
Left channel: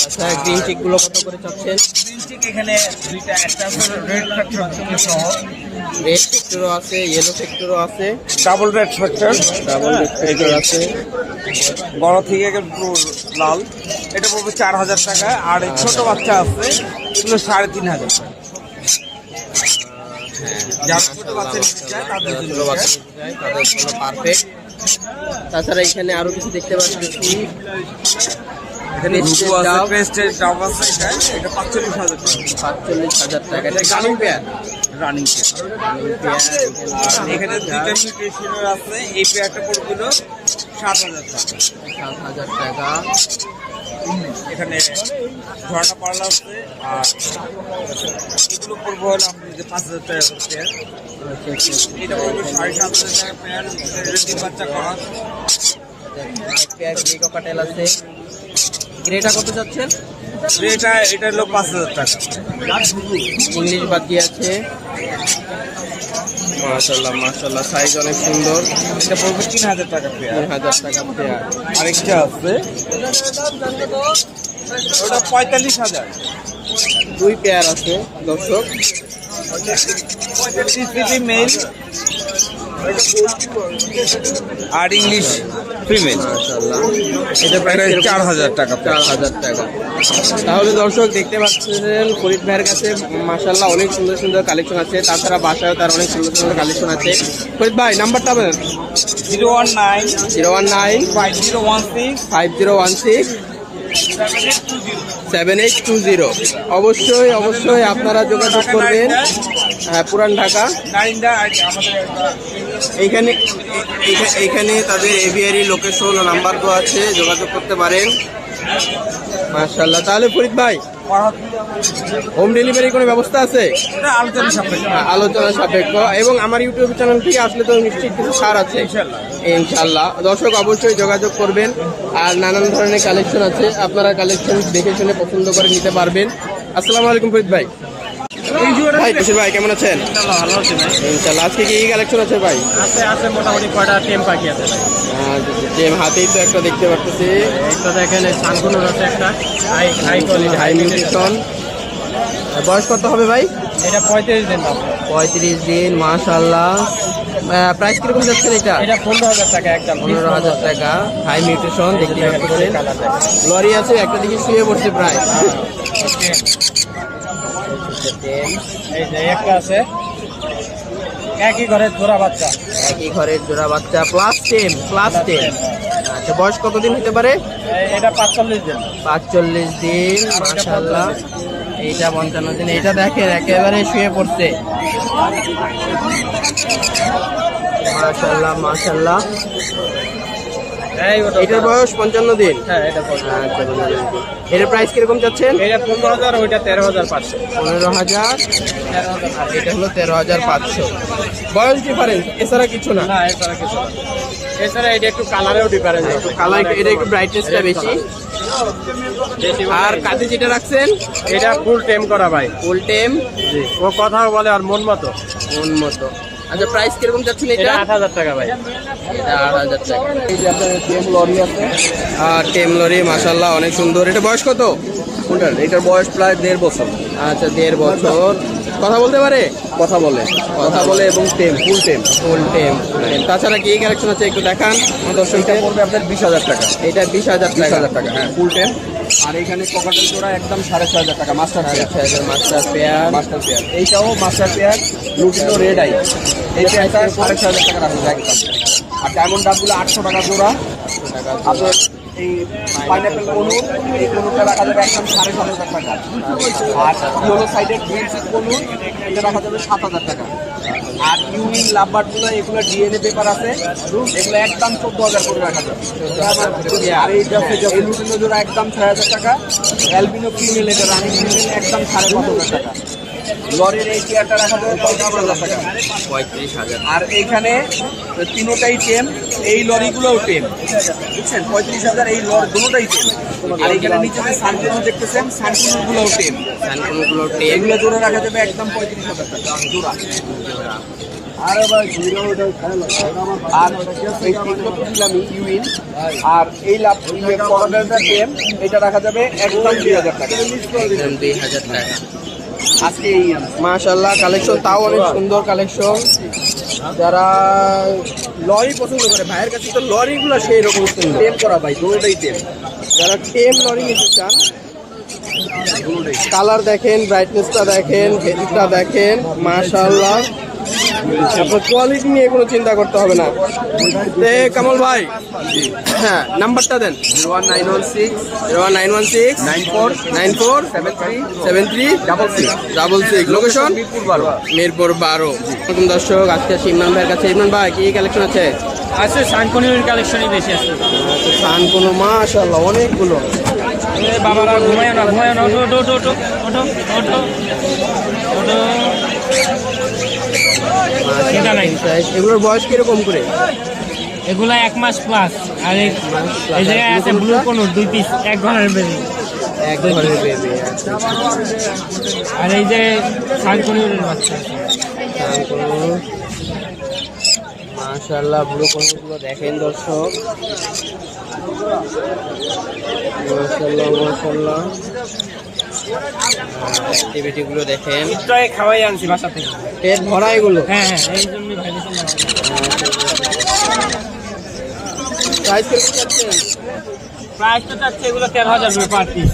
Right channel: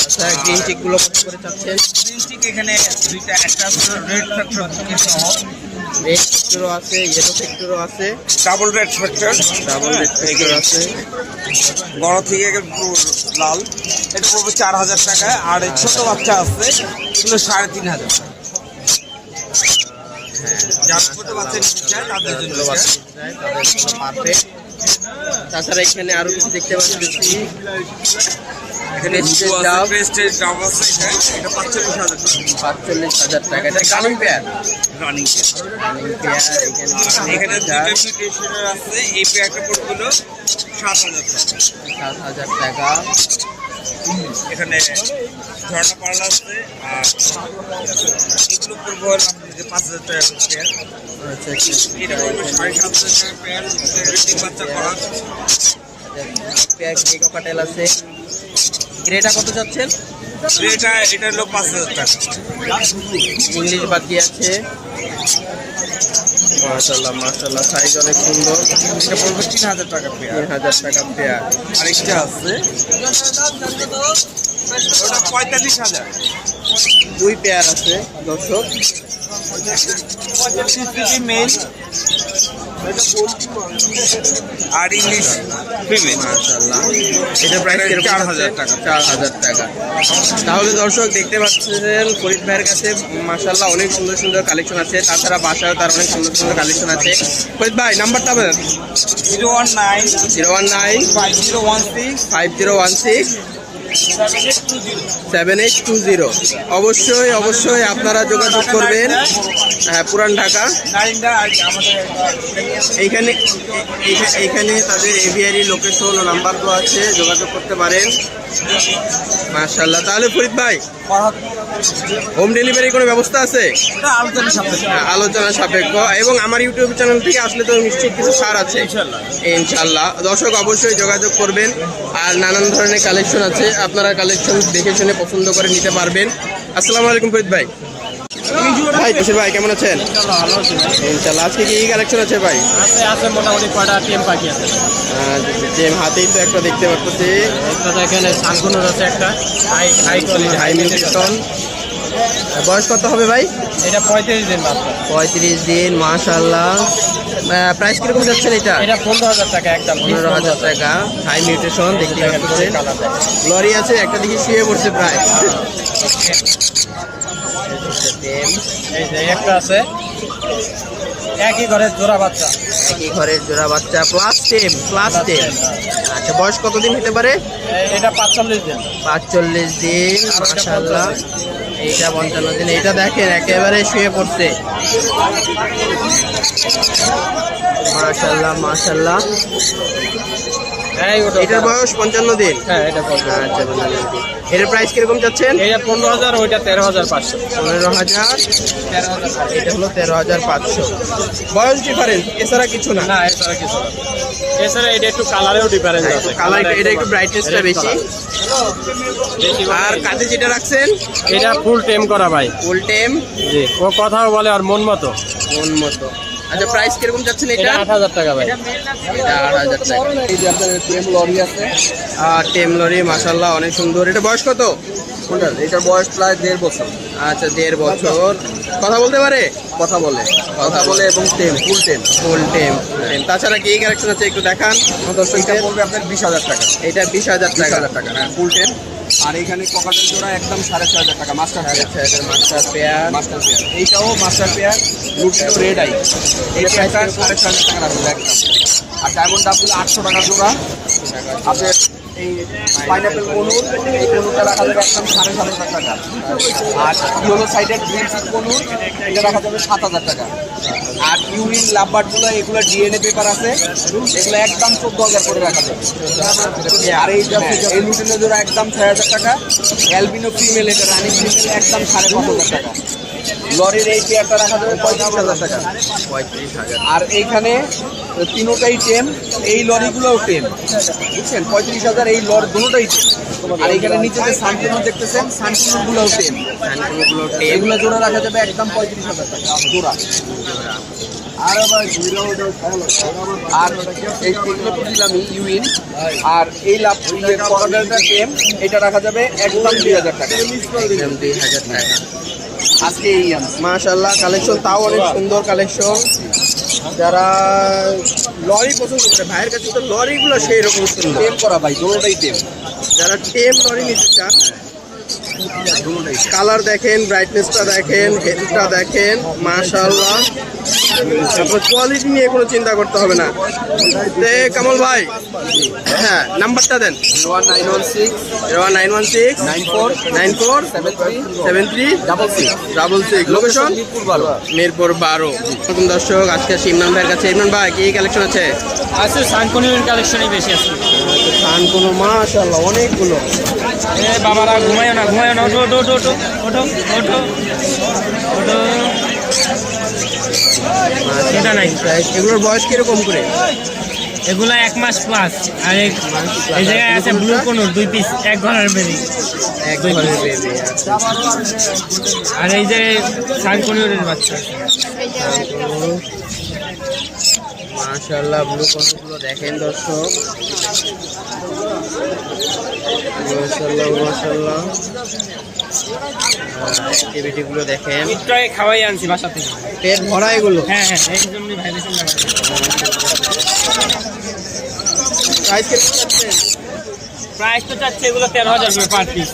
আচ্ছা গ্রিন চিক গুলো কত করে চাচ্ছেন? গ্রিন চিক এখানে দুইটা, একটা আছে রেড ফ্যাক্টর সহ, রেড ফ্যাক্টরও আছে, ইয়েলো ফ্যাক্টরও আছে, double red factor, double red factor আছে। বড় থেকে পুরো লাল, এটা পড়বে 4,000 টাকা। আর এই ছোট বাচ্চা আছে, এগুলো 3,500 টাকা। যারা ছোট বাচ্চা নিতে চায় তাদের জন্য ছোট বাচ্চা নিতে চায় তাদের জন্য পারফেক্ট। তাছাড়া এখানে আরো কিছু দেখতে পাচ্ছি, এখানে Prestige দুটো আছে, ডাব। প্রেস্টিজ ডাব আছে, এটা 45,000 টাকা 45,000 টাকা। এটা running pair, running. Running pair. এখানে দুটো মিউটেশনের আছে, এই পেয়ারটা পড়বে 7,000 টাকা। 7,000 টাকা। এখানে ঝর্ণা পার্লা আছে, আর এগুলো পড়বে হলো আপনি যে 5,000 টাকা করে পেয়ার। আচ্ছা আচ্ছা এটা পড়বে 7,500 টাকা পেয়ার, ব্রিডিং বাচ্চা করা। পেয়ার গ্রে ককাটেল আছে। গ্রেটা কত যাচ্ছেন? এটা হলো 5,000 টাকা। ইংলিশ বাতি আছে। মাশাআল্লাহ মাশাআল্লাহ সাইজ অনেক সুন্দর। এটা পড়বে 3,000 টাকা পেয়ার। 3,000 টাকা পেয়ার। আরেকটা আছে, ওটা 45,000। 2 পেয়ার আছে দর্শক। 35 মেল আর ইংলিশ ফিমেল। মাশাআল্লাহ এটা প্রাইস কিরকম? 4,000 টাকা। 4,000 টাকা। তাহলে দর্শক দেখতে পাচ্ছেন ফরিদ ভাইয়ের কাছে মাশাআল্লাহ অনেক সুন্দর সুন্দর কালেকশন আছে। তাছাড়া বাসায়ও তার অনেক সুন্দর সুন্দর কালেকশন আছে। ফরিদ ভাই নাম্বারটা বলেন। 019 019 5016 5016 7820। অবশ্যই অবশ্যই আপনারা যোগাযোগ করবেন। হ্যাঁ পুরান ঢাকা। নারিন্দা আর আমাদের এইখানে তাদের এভিয়ারি লোকেশন ও নাম্বার দেওয়া আছে, যোগাযোগ করতে পারেন। মাশাআল্লাহ। তাহলে ফরিদ ভাই হোম ডেলিভারি কোনো ব্যবস্থা আছে? আলোচনা সাপেক্ষে। হ্যাঁ, আলোচনা সাপেক্ষ। এবং আমার ইউটিউব চ্যানেল থেকে আসলে তো নিশ্চয়ই কিছু ছাড় আছে ইনশাআল্লাহ। দর্শক অবশ্যই যোগাযোগ করবেন। আর নানান ধরনের কালেকশন আছে, আপনারা কালেকশন দেখে শুনে পছন্দ করে নিতে পারবেন। আসসালামু আলাইকুম ফরিদ ভাই। ভাই বশির ভাই কেমন আছেন? ভালো আছে ভাই। ইনশাআল্লাহ। আজকে কি কালেকশন আছে ভাই? আছে মোটামুটি কয়টা টেম পাখি আছে ভাই। যে হাতেই তো একটা দেখতে পাচ্ছি, একটা দেখেন সানকুনুর আছে, একটা হাই কোয়ালিটি হাই মিউটেশন। বয়স কত হবে ভাই? এটা 35 দিন মাত্র। 35 দিন। মাশাআল্লাহ। প্রাইস কিরকম যাচ্ছেন এটা? এটা 15,000 টাকা একদম। 15,000 টাকা। হাই মিউটেশন দেখতে পাচ্ছেন। কালার দেখেন। লরি আছে, একটা দিকে শুয়ে পড়ছে প্রায়। এই যে একটা আছে, একই ঘরের জোড়া বাচ্চা। একই ঘরের জোড়া বাচ্চা, প্লাস টেম। আচ্ছা, বয়স কতদিন হতে পারে? এটা 45 দিন। 45 দিন, মাশাআল্লাহ। এইটা 55 দিন। এইটা দেখেন একেবারে শুয়ে পড়ছে, মাশাআল্লাহ মাশাআল্লাহ। এটার বয়স 55 দিন। হ্যাঁ, এটা আচ্ছা, 55 দিন। এর প্রাইস কিরকম চাচ্ছেন? এটা 15,000, ওইটা 13,500। 15,000, আর এটা হলো 13,500। বয়স ডিফারেন্স, এছাড়া কিছু না। না, এছাড়া কিছু না। এছাড়া এটা একটু কালারেও ডিফারেন্স আছে। কালার, এটা একটু ব্রাইটনেসটা বেশি। আর কাঁধে যেটা রাখছেন এটা ফুল টেম করা ভাই। ফুল টেম। জি, ও কথাও বলে আর মন মতো। মন মতো। আচ্ছা, প্রাইস কিরকম চাচ্ছেন এটা? এটা 8,000 টাকা ভাই। এটা 8,000 টাকা। এই যে আপনার টেম লরি আছে। আর টেম লরি, মাশাআল্লাহ, অনেক সুন্দর। এটা বয়স কত? কোনটার? এটার বয়স প্রায় 1.5 বছর। আচ্ছা, 1.5 বছর। কথা বলতে পারে? কথা বলে, এবং টেম, ফুল টেম। ফুল টেম, ফুল টেম। তাছাড়া কি কালেকশন আছে একটু দেখান আমার এটা দর্শকদের। পড়বে আপনার 20,000 টাকা। এটা 20,000 টাকা। 20,000 টাকা, হ্যাঁ, ফুল টেম। আর এইখানে কোকাটেল জোড়া একদম 6,500 টাকা, master pair. 6,500 master pair. Master pair, এইটাও master pair, lutino red eye. এই প্রাইসটা 6,500 টাকা রাখবে একদম। আর ডায়মন্ড ডাবগুলো 800 টাকা জোড়া। আপনার এই পাইনাপেল কনুর, এই কনুরটা রাখা যাবে একদম 7,500 টাকা। আর ইয়েলো সাইডের গ্রিন সিড কনুর, এটা রাখা যাবে 7,000 টাকা। আর ইউরিন লাভবার্ডগুলো, এগুলো ডিএনএ পেপার আছে, এগুলো একদম 14,000 করে রাখা যাবে। আর এই লুটিনো জোড়া একদম 6,000 টাকা। অ্যালবিনো ফিমেল, এটা রানি ফিমেল, একদম 5,500 টাকা। লরির এই চেয়ারটা রাখা যাবে 35,000 টাকা। 35,000। আর এইখানে তিনোটাই টেম, এই লরিগুলোও টেম, বুঝছেন? 35,000 এই লর দুটোটাই টেম। আর এইখানে নিচে যে সানকুনো দেখতেছেন, সানকুনোগুলোও টেম। সানকুনোগুলো টেম। এগুলো জোড়া রাখা যাবে একদম 35,000 টাকা জোড়া। আর এইগুলো তো দিলামই ইউইন। আর এই লাভ পকেটটা টেম, এটা রাখা যাবে একদম 2,000 টাকা। একদম 2,000 টাকা। আজকে এই মাশাআল্লাহ, কালেকশন তাও অনেক সুন্দর কালেকশন। যারা লরি পছন্দ করে, ভাইয়ের কাছে তো লরিগুলো সেই রকম সুন্দর। টেম করা ভাই, দুটোটাই টেম। যারা টেম লরি নিতে চান, কালার দেখেন, ব্রাইটনেসটা দেখেন, হেডটা দেখেন, মাশাআল্লাহ। আপনার কোয়ালিটি নিয়ে কোনো চিন্তা করতে হবে না। তে কামাল ভাই, হ্যাঁ, নাম্বারটা দেন। 01916 94 73 66। লোকেশন মিরপুর 12। দর্শক, আজকে আসি ইমরান ভাইয়ের কাছে। ইমরান ভাই, কি কালেকশন আছে? আছে সানকনির কালেকশনই বেশি আছে। আচ্ছা, থান কোনো, মাশাআল্লাহ, অনেকগুলো। এ বাবারা, ঘুমায় না, ওঠো ওঠো ওঠো ওঠো ওঠো ওঠো ওঠো। চিন্তা নাই। এগুলোর বয়স কিরকম করে? এগুলা 1 মাস প্লাস। আর এই জায়গায় আছে ব্লু কোনুর 2 পিস, 1 ঘরের বেবি। এক ঘরের বেবি। আচ্ছা, আর এই যে সানকনির বাচ্চা। মাশাআল্লাহ, ব্লু কোনগুলো দেখেন দর্শক, মাশাআল্লাহ মাশাআল্লাহ। অ্যাক্টিভিটি গুলো দেখেন। একটু খাওয়াই আনছি বাসা থেকে, পেট ভরা এগুলো। হ্যাঁ হ্যাঁ, এই জন্য ভাইবেশন না। প্রাইস কিরকম চাচ্ছেন? প্রাইস তো চাচ্ছে এগুলো 13,000 করে পার পিস।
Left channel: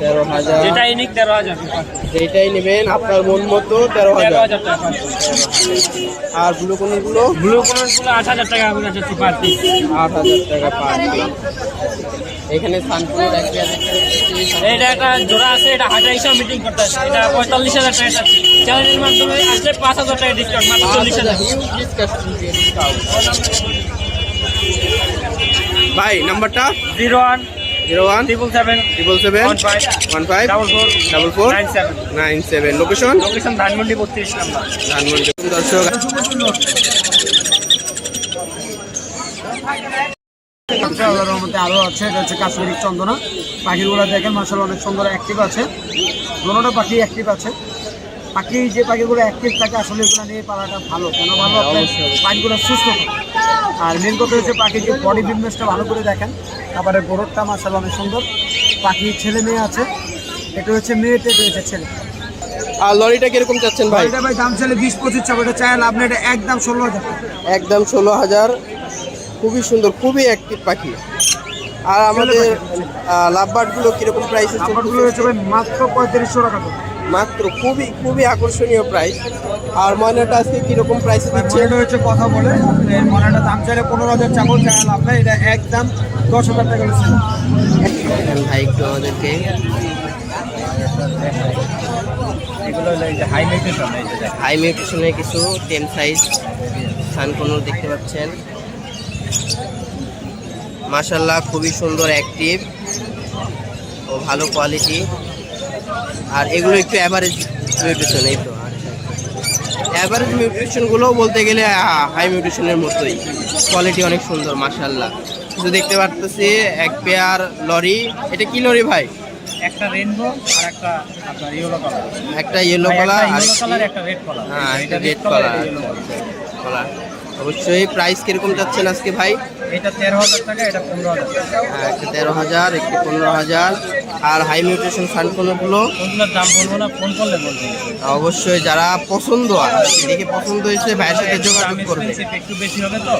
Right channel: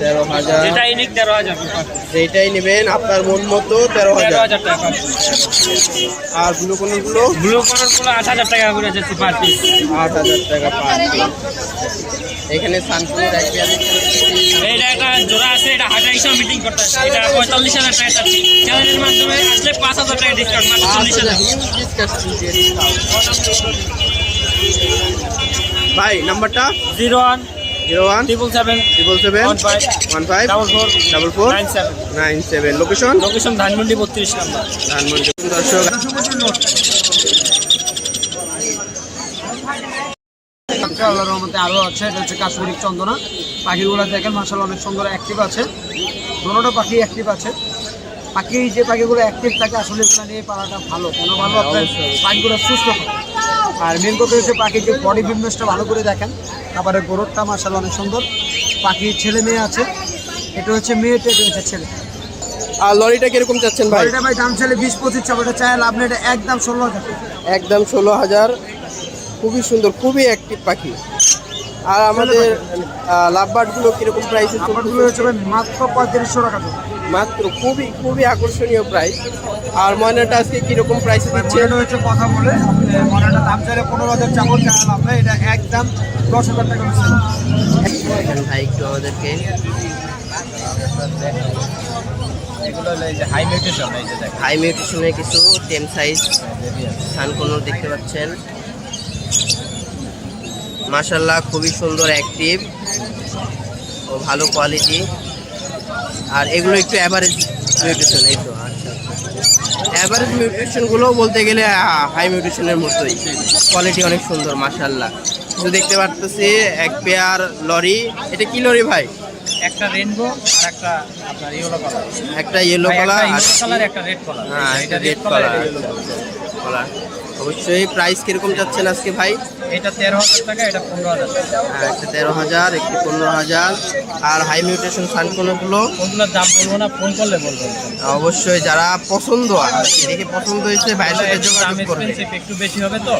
13,000। এটা ইউনিক 13,000 করে পার পিস। যেটাই নেবেন আপনার মন মতো 13,000 টাকা পার পিস। আর ব্লু কোনগুলো? ব্লু কোনগুলো 8,000 টাকা করে যাচ্ছে পার পিস। 8,000 টাকা পার পিস। এখানে সানকুনোর এক পেয়ার দেখতে পাচ্ছি। এটা একটা জোড়া আছে, এটা হাজার হিসাবে মিটিং করতে হবে। এটা 45,000 টাকা যাচ্ছে। চ্যানেলের মাধ্যমে আসলে 5,000 টাকা ডিসকাউন্ট, মানে 40,000। ভাই, নাম্বারটা? 01 01 777 777 15 44 97। Location? Location Dhanmondi 32 number. Dhanmondi. দর্শক, আল্লাহর রহমতে আরো আছে, এটা হচ্ছে কাশ্মীরি চন্দনা। পাখিগুলো দেখেন মাশাআল্লাহ অনেক সুন্দর অ্যাক্টিভ আছে, দুটোটা পাখি অ্যাক্টিভ আছে। পাখি যে পাখিগুলো অ্যাক্টিভ থাকে আসলে এগুলো নিয়ে পালাটা ভালো। কেন ভালো? আপনার পাখিগুলো সুস্থ থাকে। আর মেন কথা হচ্ছে পাখির যে বডি ফিটনেসটা ভালো করে দেখেন। খাবারের গোড়টা মাশাআল্লাহ অনেক সুন্দর। পাখির ছেলে মেয়ে আছে, এটা হচ্ছে মেয়ে, এটা হচ্ছে ছেলে। আর লরিটা কিরকম চাচ্ছেন ভাই? এটা ভাই দাম ছেলে 20-25 টাকা, এটা চাই আপনি এটা একদম 16,000 টাকা। একদম 16,000। খুবই সুন্দর, খুবই অ্যাক্টিভ পাখি। আর আমাদের লাভবার্ড গুলো কিরকম প্রাইসে? লাভবার্ডগুলো হচ্ছে ভাই মাত্র 3500 টাকা। মাত্র খুবই খুবই আকর্ষণীয় প্রাইস। আর ময়নাটা আজকে কিরকম প্রাইসে দিচ্ছেন? হচ্ছে কথা বলে মনেটা দাম চাইলে 15,000 চাবো, চাওয়া লাভ নেই, এটা একদম 10,000 টাকা বেশি। দেখেন ভাই একটু আমাদেরকে। এগুলো হলো এই যে হাই মিউটেশন, এই যে দেখেন হাই মিউটেশনের কিছু টেম সাইজ সানকোনোর দেখতে পাচ্ছেন। মাশাল্লাহ খুবই সুন্দর, অ্যাক্টিভ ও ভালো কোয়ালিটি। আর এগুলো একটু অ্যাভারেজ মিউটেশন, এই তো। আচ্ছা অ্যাভারেজ মিউটেশনগুলো বলতে গেলে হাই মিউটেশনের মতোই, কোয়ালিটি অনেক সুন্দর মাশাল্লাহ। কিছু দেখতে পারতেছি এক পেয়ার লরি। এটা কি লরি ভাই? একটা রেইনবো আর একটা আপনার ইয়েলো কালার, একটা ইয়েলো কালার আর একটা রেড কালার। হ্যাঁ একটা রেড কালার কালার। অবশ্যই প্রাইস কিরকম যাচ্ছেন আজকে ভাই? এটা 13,000 টাকা, এটা 15,000 টাকা। হ্যাঁ একটা 13,000, একটি 15,000। আর হাই মিউটেশন সানকোনোগুলো কোনগুলোর দাম বলবো না, ফোন করলে বলবো। অবশ্যই যারা পছন্দ আর দেখে পছন্দ হয়েছে ভাইয়ের সাথে যোগাযোগ করবে। একটু বেশি হবে তো,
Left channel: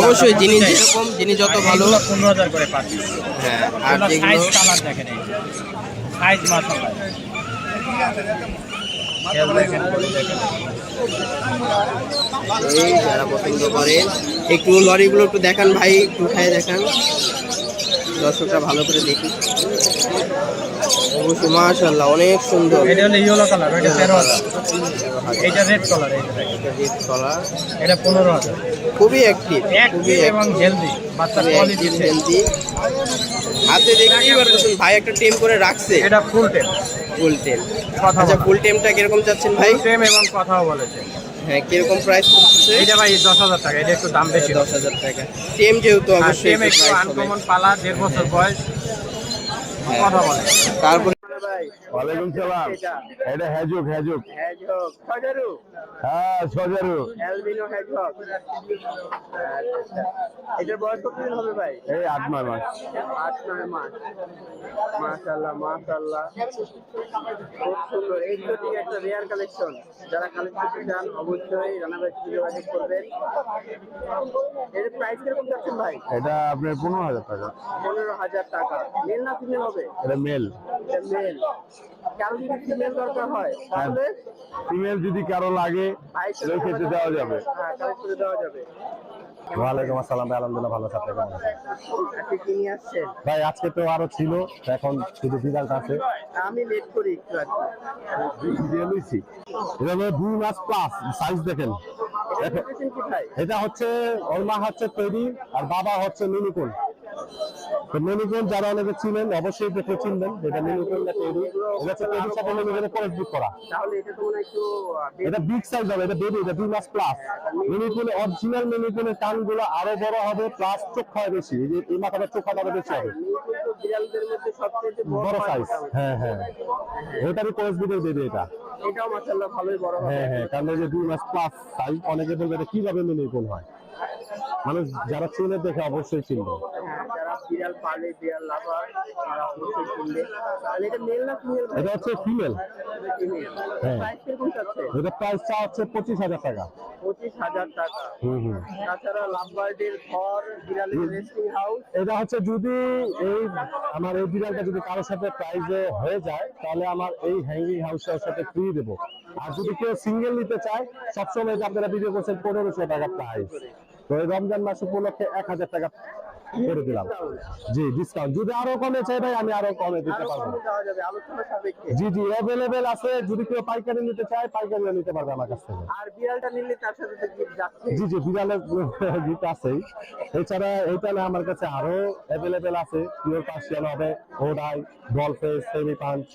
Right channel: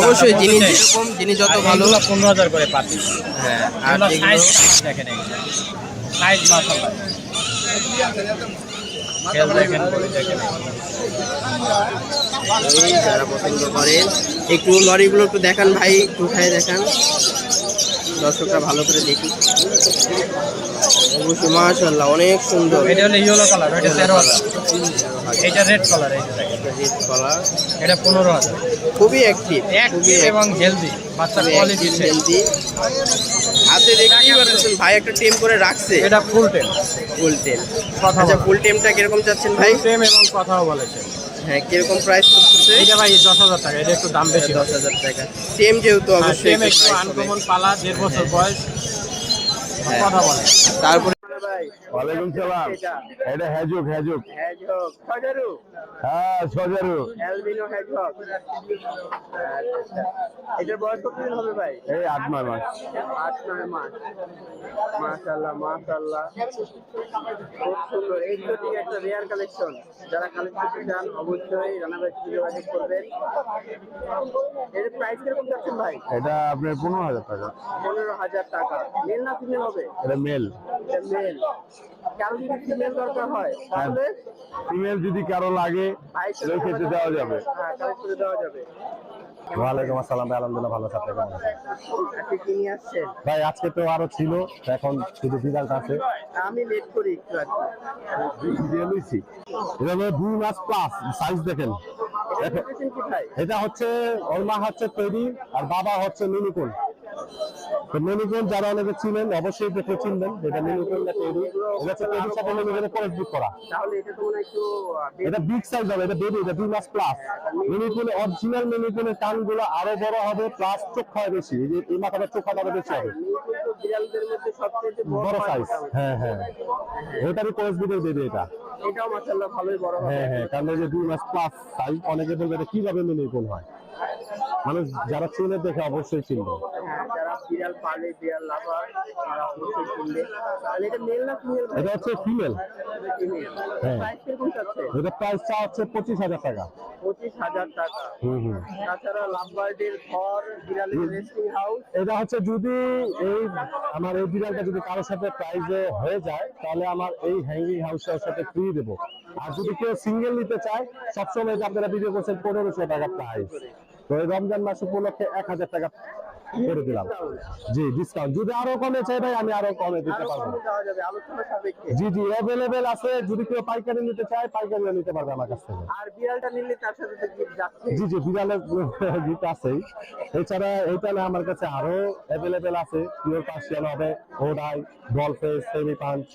অবশ্যই যিনি যেরকম, যিনি যত ভালো। 15,000 করে পাচ্ছি। হ্যাঁ আর যেগুলো দেখেন সাইজ মাশাআল্লাহ, খেল দেখেন, বডি দেখেন। এই যারা পছন্দ করেন একটু লরিগুলো একটু দেখান ভাই, একটু উঠায় দেখান, দর্শকরা ভালো করে দেখি। অবশ্যই মাশাআল্লাহ অনেক সুন্দর। এটা হলো ইয়েলো কালার, এটা 13,000। এটা রেড কালার, এই যে দেখেন রেড কালার, এটা 15,000। খুবই অ্যাক্টিভ, খুবই এবং হেলদি, বাচ্চার কোয়ালিটি হেলদি। হাতে দেখতেই পারতেছেন ভাই একটা টেম করে রাখছে। এটা ফুল টেম, ফুল টেম। কথা আচ্ছা ফুল টেমটা কিরকম চাচ্ছেন ভাই? টেম এবং কথাও বলেছে। হ্যাঁ কিরকম প্রাইস করতেছে? এটা ভাই 10,000 টাকা, এটা একটু দাম বেশি। 10,000 টাকা। টেম যেহেতু অবশ্যই টেম একটু আনকমন পালা, 1.5 বছর বয়স, কথা বলে। তারপরে ওয়ালাইকুম সালাম। এটা হ্যাজুক হ্যাজুক হ্যাঁ সজারু অ্যালবিনো হেজহগ। এটার বয়স কতদিন হবে ভাই? এই 8 মাস। 8-9 মাস। মাশাআল্লাহ মাশাআল্লাহ খুব সুন্দর। এক্সোটিক একটা রেয়ার কালেকশন। যারা কালেক্ট করতে চান অবশ্যই রানাবাই থেকে যোগাযোগ করবেন। এর প্রাইস কিরকম যাচ্ছেন ভাই? এটা আপনার 15,000 টাকা। 15,000 টাকা। মেল না ফিমেল হবে? এটা মেল। এটা মেল। কারো যদি ফিমেল দরকার হয় তাহলে ফিমেল যদি কারো লাগে ওই ক্ষেত্রে দেওয়া যাবে। হ্যাঁ কালেক্ট করে দেওয়া যাবে। ওয়ালাইকুম আসসালাম ভাই, আলহামদুলিল্লাহ ভালো আছি। কেমন আছেন আপনি কি নিয়ে আসছেন? ভাই? আজকে তো আরো ছিল, এখন শুধু বিড়ালটা আছে। আমি লেট করি একটু আর কি। দিয়ে লইছি। এটা হলো 2 মাস প্লাস, সাইজ দেখেন। এটা কি ভাই? এটা হচ্ছে ওর মা হচ্ছে তৈরি আর বাবা হচ্ছে মিনিকুন। তো মিনিকুন যারা অনেকে চিনেন অবশ্যই দেখে চিনবেন, এটা মিনিকুন না তৈরি। এটা হচ্ছে তৈরির সাথে মিনিকুনের ক্রসবিট করা। তাহলে এটা তো মনে হয় একটু এটা বিগ সাইজ হবে, এটা বেবি, এটা 2 মাস প্লাস। মিনিকুন অরিজিনাল মিনিকুনের কানগুলো আরো বড় হবে, প্লাস চোখ হয় বেশি, এই যে এই মাথাটা চোখ আরো বেশি হবে, কিন্তু বিড়ালদের মধ্যে সবচেয়ে বড় সাইজ। হ্যাঁ হ্যাঁ, এটারই ক্রসবিটের বেবি এটা। এটাও মাশাআল্লাহ ভালোই বড় হবে। হ্যাঁ হ্যাঁ, কারণ এই যে 2 মাস প্লাস সাইজ, অনেকে বলবে এটা কিভাবে মিনিকুন হয়, মানুষ যারা চিনে দেখে অবশ্যই চিনবে। হ্যাঁ যারা বিড়াল পালে, বিড়াল লাভার তারা অবশ্যই কিনবে। তাহলে এটা মেল না ফিমেল? এটা হচ্ছে ফিমেল। হ্যাঁ। প্রাইস কিরকম যাচ্ছে? এটা প্রাইস চা হচ্ছে 25,000 টাকা। 25,000 টাকা। হুম। তাছাড়া লাভবার্ডের ঘর, বিড়ালের রেস্টিং হাউস। এটা হচ্ছে যদি এই আমার এই বিড়ালটা যদি কারোর সাথে প্রাইজে হয়ে যায় তাহলে আমার এই হ্যাঙ্গিং হাউসটার সাথে ফ্রি দেবো। আর যদি কেউ সিঙ্গেল নিতে চায়, সবসময় যে আপনারা ভিডিও করছেন 1500 টাকা প্রাইস, তো এই রমজান মাস উপলক্ষে 1,000 টাকা করে দিলাম। জি ডিসকাউন্ট, যদি আরো কমে চাই ভাই আমি আরো কমে দিতে পারবো। দেওয়া যাবে আলোচনা সাপেক্ষে। জি অ্যাভেলেবেল আছে, যদি কেউ পাইকারি নিতে চায় পাইকারিও নিতে পারবে আমার কাছ থেকে। আর বিড়ালটা নিলে তার সাথে তো গিফট যাচ্ছে। জি বিড়ালের গিফট আছেই। এছাড়া এইটা না আমার কাছে আরো অ্যাভেলেবেল আছে, পিওর পার্সিয়ান হবে, ওডাই, ডলফেস, সেমি পাঞ্চ,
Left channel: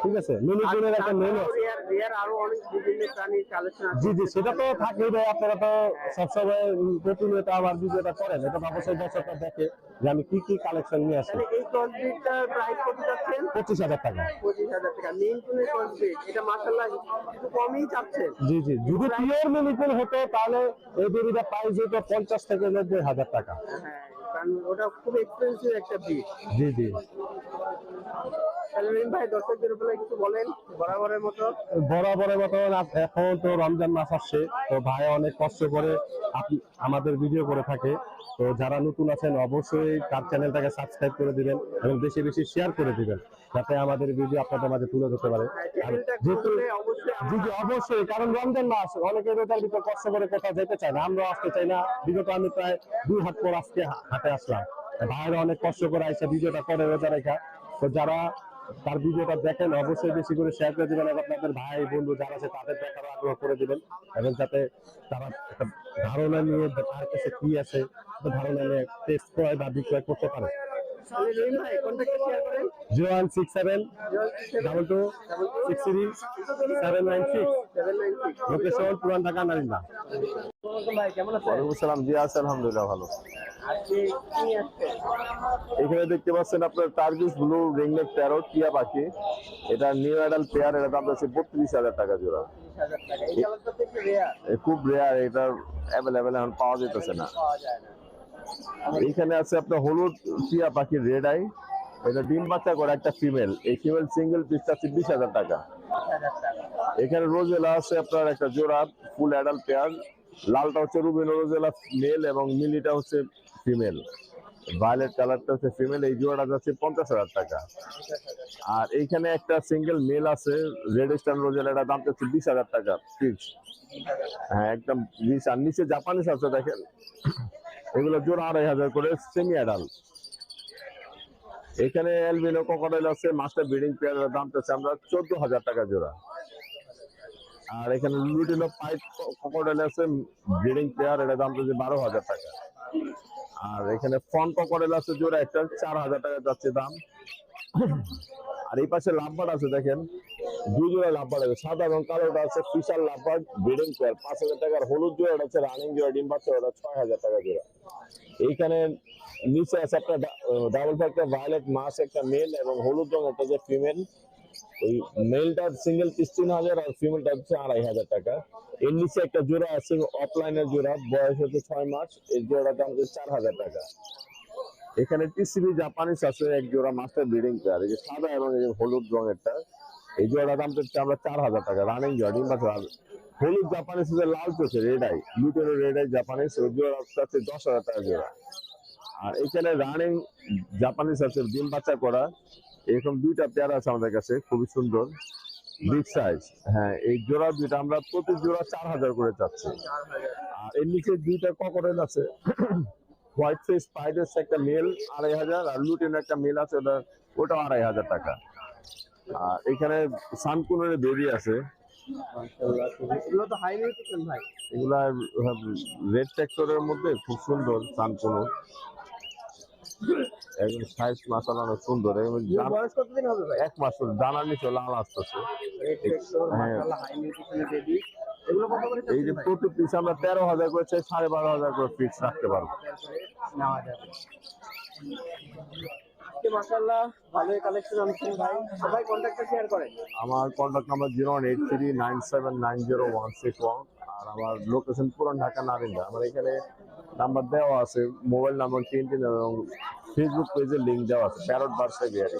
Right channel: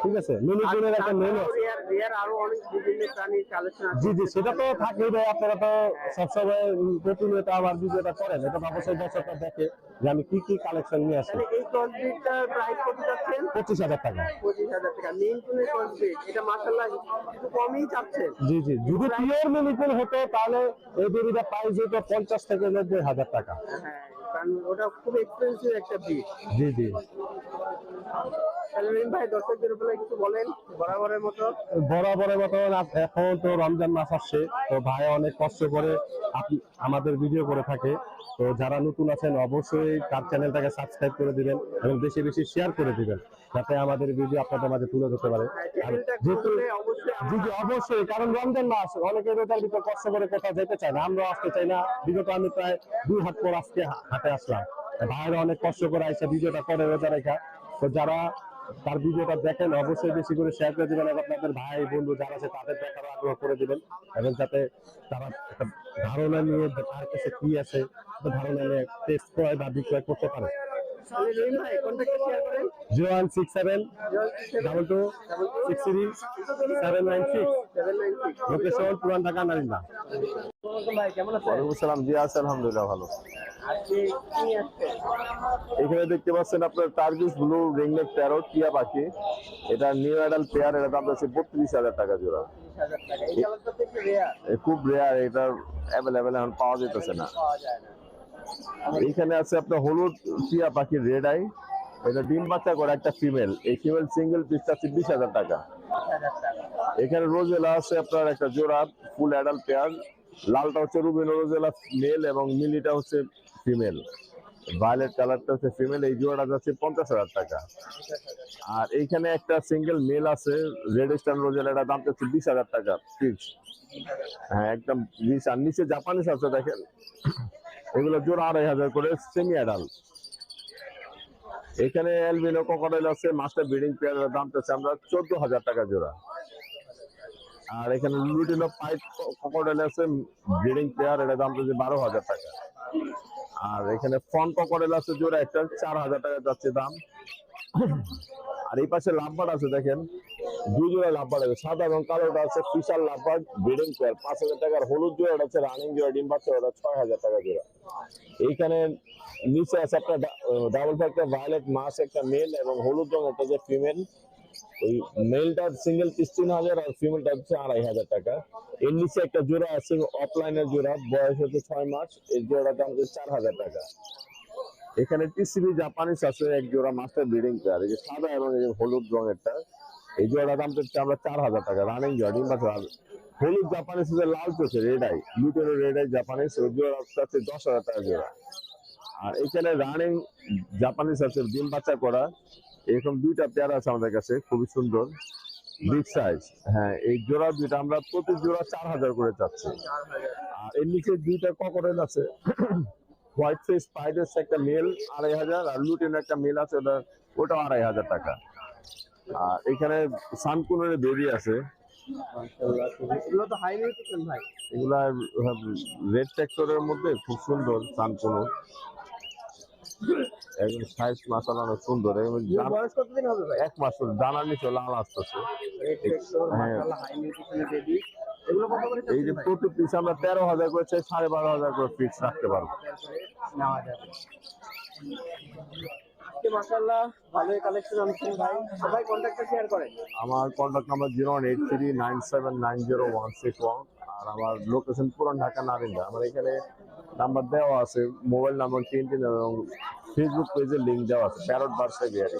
ঠিক আছে। মিনিকুনের একটা মেনু আছে। রিয়ার আরো অনেক বিভিন্ন প্রাণীর কালেকশন আছে। জি সেটা তো থাকেই ভাই, আপনারা তো সবসময় প্রতিনিয়ত আমার ভিডিওটা করেন, এটা তো অবশ্যই দর্শকরা দেখে যে আমি কি কি কালেকশন নিয়ে আসি। তাহলে এই ক্রসবিটটার প্রাইস কত যাচ্ছেন? 25,000 টাকা। 25,000 টাকা। মিনিকুনের ক্রসবিট এটা মাশাআল্লাহ একটু কমই চাচ্ছেন। জি যদি পিওর মিনিকুন হতো তাহলে এই বেবিটা প্রাইস হতো 50 থেকে 90,000 টাকা। হ্যাঁ কারণ ওটা খুব এক্সপেন্সিভ একটা ব্রিড। জি রহিম ভাই দর্শকদের উপরে কিছু বলেন বরাবরের মতো। বরাবরের মতো এখন তো রমজান মাস আসছে, তো ভাই অনেক কষ্ট করে আমাদের ভিডিও করে থাকে। তো যারা নতুন আছেন অবশ্যই তার চ্যানেলটাকে সাবস্ক্রাইব করে দিবেন এবং বেশি বেশি শেয়ার করে দিবেন, যাতে আমাদের ভিডিও আপনাদের মাঝে তুলে ধরতে পারে। জি জি অবশ্যই, কারণ রমজান মাস অনেকে রোজার ভিতর কষ্ট করে কোথাও যেতে চায় না, আমরা আসতে চাই না। বিগত আমি প্রায় 2 হাত পর আজকে হাটে আসলাম, ভাইরা অনেক কষ্ট করে আইসা ভিডিওটা করে রোজা রেখা। তো যারা তার ভিডিওটা দেখেন অবশ্যই বেশি করে শেয়ার করে দিবেন এবং আপনাদের ভাই বন্ধু যারা আছে তাদের দেখার আগ্রহ করে দিবেন, এবং যাতে তারা একটা ধারণা নিয়ে তার কাছে কি আছে ধারণা নিয়ে টেস্ট ক্রয় বা বিক্রয় করতে পারে। রহিম ভাই কন্ট্যাক্ট শেয়ার করেন। 0167-0063-796, লোকেশন পুরান ঢাকা নারিন্দা। ভাই কেমন আছেন? ওয়ালাইকুম আসসালাম। জি আছে, আলহামদুলিল্লাহ ভালো। আজকে কি আসছে? এখানে দেখতে পাচ্ছেন আপনার টার্কিশ ব্লু রিংনেক প্যারট টিয়া পাখি। এটা নিউ অ্যাডাল্ট পেয়ার, এটা দাম আছে 32,000 টাকা জোড়া। 30,000 টাকা। এই কালারটা তো একটু রেয়ার, খুব রেয়ার, এটা অ্যাভেলেবেল এখন পাওয়া যেতেছে না। পাওয়া যায় না। এইখানে আছে আপনার হলুদ টিয়া পাখি রেড আই, এটা ডিম বাচ্চা করে একটা ফিমেল। এই ফিমেল সিঙ্গেল পিসটা আছে 20,000 টাকা। 30,000 টাকা। এখানে রোজেলা আছে আপনার একটা জোড়া, ফুল অ্যাডাল্ট পেয়ার। লালটা হচ্ছে রুবিনো রোজেলা মেল এবং মিলিটা হচ্ছে ফিমেল। ভায়োলেট কালারটা হচ্ছে ফিমেল। এই জোড়াটা যাচ্ছে 50,000 টাকা। আর এইখানে একটা সিঙ্গেল মেল আছে রেড স্টার রোজেলা, এটা দাম হচ্ছে 20,000 টাকা ফিক্স। হ্যাঁ একদম 20। আর নিচে জাপানিস আছে দেখেন, এগুলো জোড়া 2,500 করে সেমি অ্যাডাল্ট। এখানে অ্যালবিনো ক্রোকোডাইল আছে মাস্টার ব্রিডিং পেয়ারের দাম হচ্ছে আমরা 14,000 টাকা জোড়া। আর এখানে লুটিনো পাইপ ক্রোকোডাইল আছে ব্রিডিং পেয়ার, এর দাম হচ্ছে 12,000 টাকা। আর এখানে ফন ক্রোকোডাইল আছে জোড়া একটা 4,000 টাকা যাচ্ছে দাম। আর এই পাশে লাভবার্ড আছে দেখেন, 2 জোড়া লাভবার্ড আছে, সাদা এবং কালোটা আছে ফিশার লাভবার্ড ব্রিডিং পেয়ার 5,000 টাকার। হলুদ জোড়াটা হচ্ছে রানিং জোড়া ডিম বাচ্চা, ওটা 6,000 টাকা জোড়া। এইখানে নিচে আছে আপনার ডাবল ফ্যাক্টর ভায়োলেট মাস একটা মেল এবং হলুদ রঙ একটা যে ফিমেল। ওই মেলটার সিঙ্গেল পিস 3,000 আর ফিমেলটা হচ্ছে 2,500 টাকা। এর নিচে একটা জোড়া আছে অফলাইনের জোড়া, বয়স হচ্ছে 6 মাস, এই জোড়ার দাম হচ্ছে 4,000 টাকা। এখানে টিসিবি জাপানিস আছে এক জোড়া মাস্টার ব্রিডিং পেয়ার, এই যে সাদা এবং এই যে হলুদ রঙেরটা, এই জোড়ার দাম হচ্ছে আমরা 4,000 টাকা রানিং জোড়া ডিম বাচ্চা। হলুদ জাপানিস হচ্ছে লাল চোখে red eye, lutino red eye Japanese, ওই জোড়া হচ্ছে 10,000 টাকা জোড়া। আর এখানে রানিং জাপানিস আছে ডিম বাচ্চা করা, এরকম 2টা পেয়ার আছে আমাদের কাছে, খুবই সুন্দর বিগ সাইজ। হ্যাঁ এই জোড়া 2টা আমরা প্রতি জোড়া 4,000 করে চাচ্ছি। আর এর নিচে 2টা ক্রোকোডাইল আছে, হোয়াইট ফেস স্পাইডার একটা মেল 2,500, আর লুটিন একটা মেল আছে ওটা 2,500 টাকা। আর এখানে সানকুনের বেবি আছে, এগুলো তো হাই নিউট্রিশন ভাই। এগুলা রেড ট্র্যাক্টরের মধ্যে খুব সুন্দর সানকুনো, একদম সাইজ মাসালা অনেক সুন্দর। বয়স কতদিন হবে ভাই? 1 মাস দানার নিচে লাল আসতেছে। হ্যাঁ হাই নিউট্রিশনের বেবি। এগুলো কত করে এই যে প্রতি পিস আমরা 13,000 করে চাই, 12,500 করে ফিক্স রাখতে পারবো। নেওয়া যাবে। আজকে মাশাআল্লাহ ভালোই কালেকশন আনছেন ভাই, সবাই কন্ট্যাক্টটা শেয়ার করেন। আমার কন্ট্যাক্ট নাম্বার 0183979061, আর আমার লোকেশন পুরান ঢাকা নারিন্দা। আমার এখানে নাম্বার দেওয়া আছে, মোবাইল নাম্বার 3 এবং ফেসবুক পেজের লিংক দেওয়া আছে, প্যারট বার্সা বিহারি।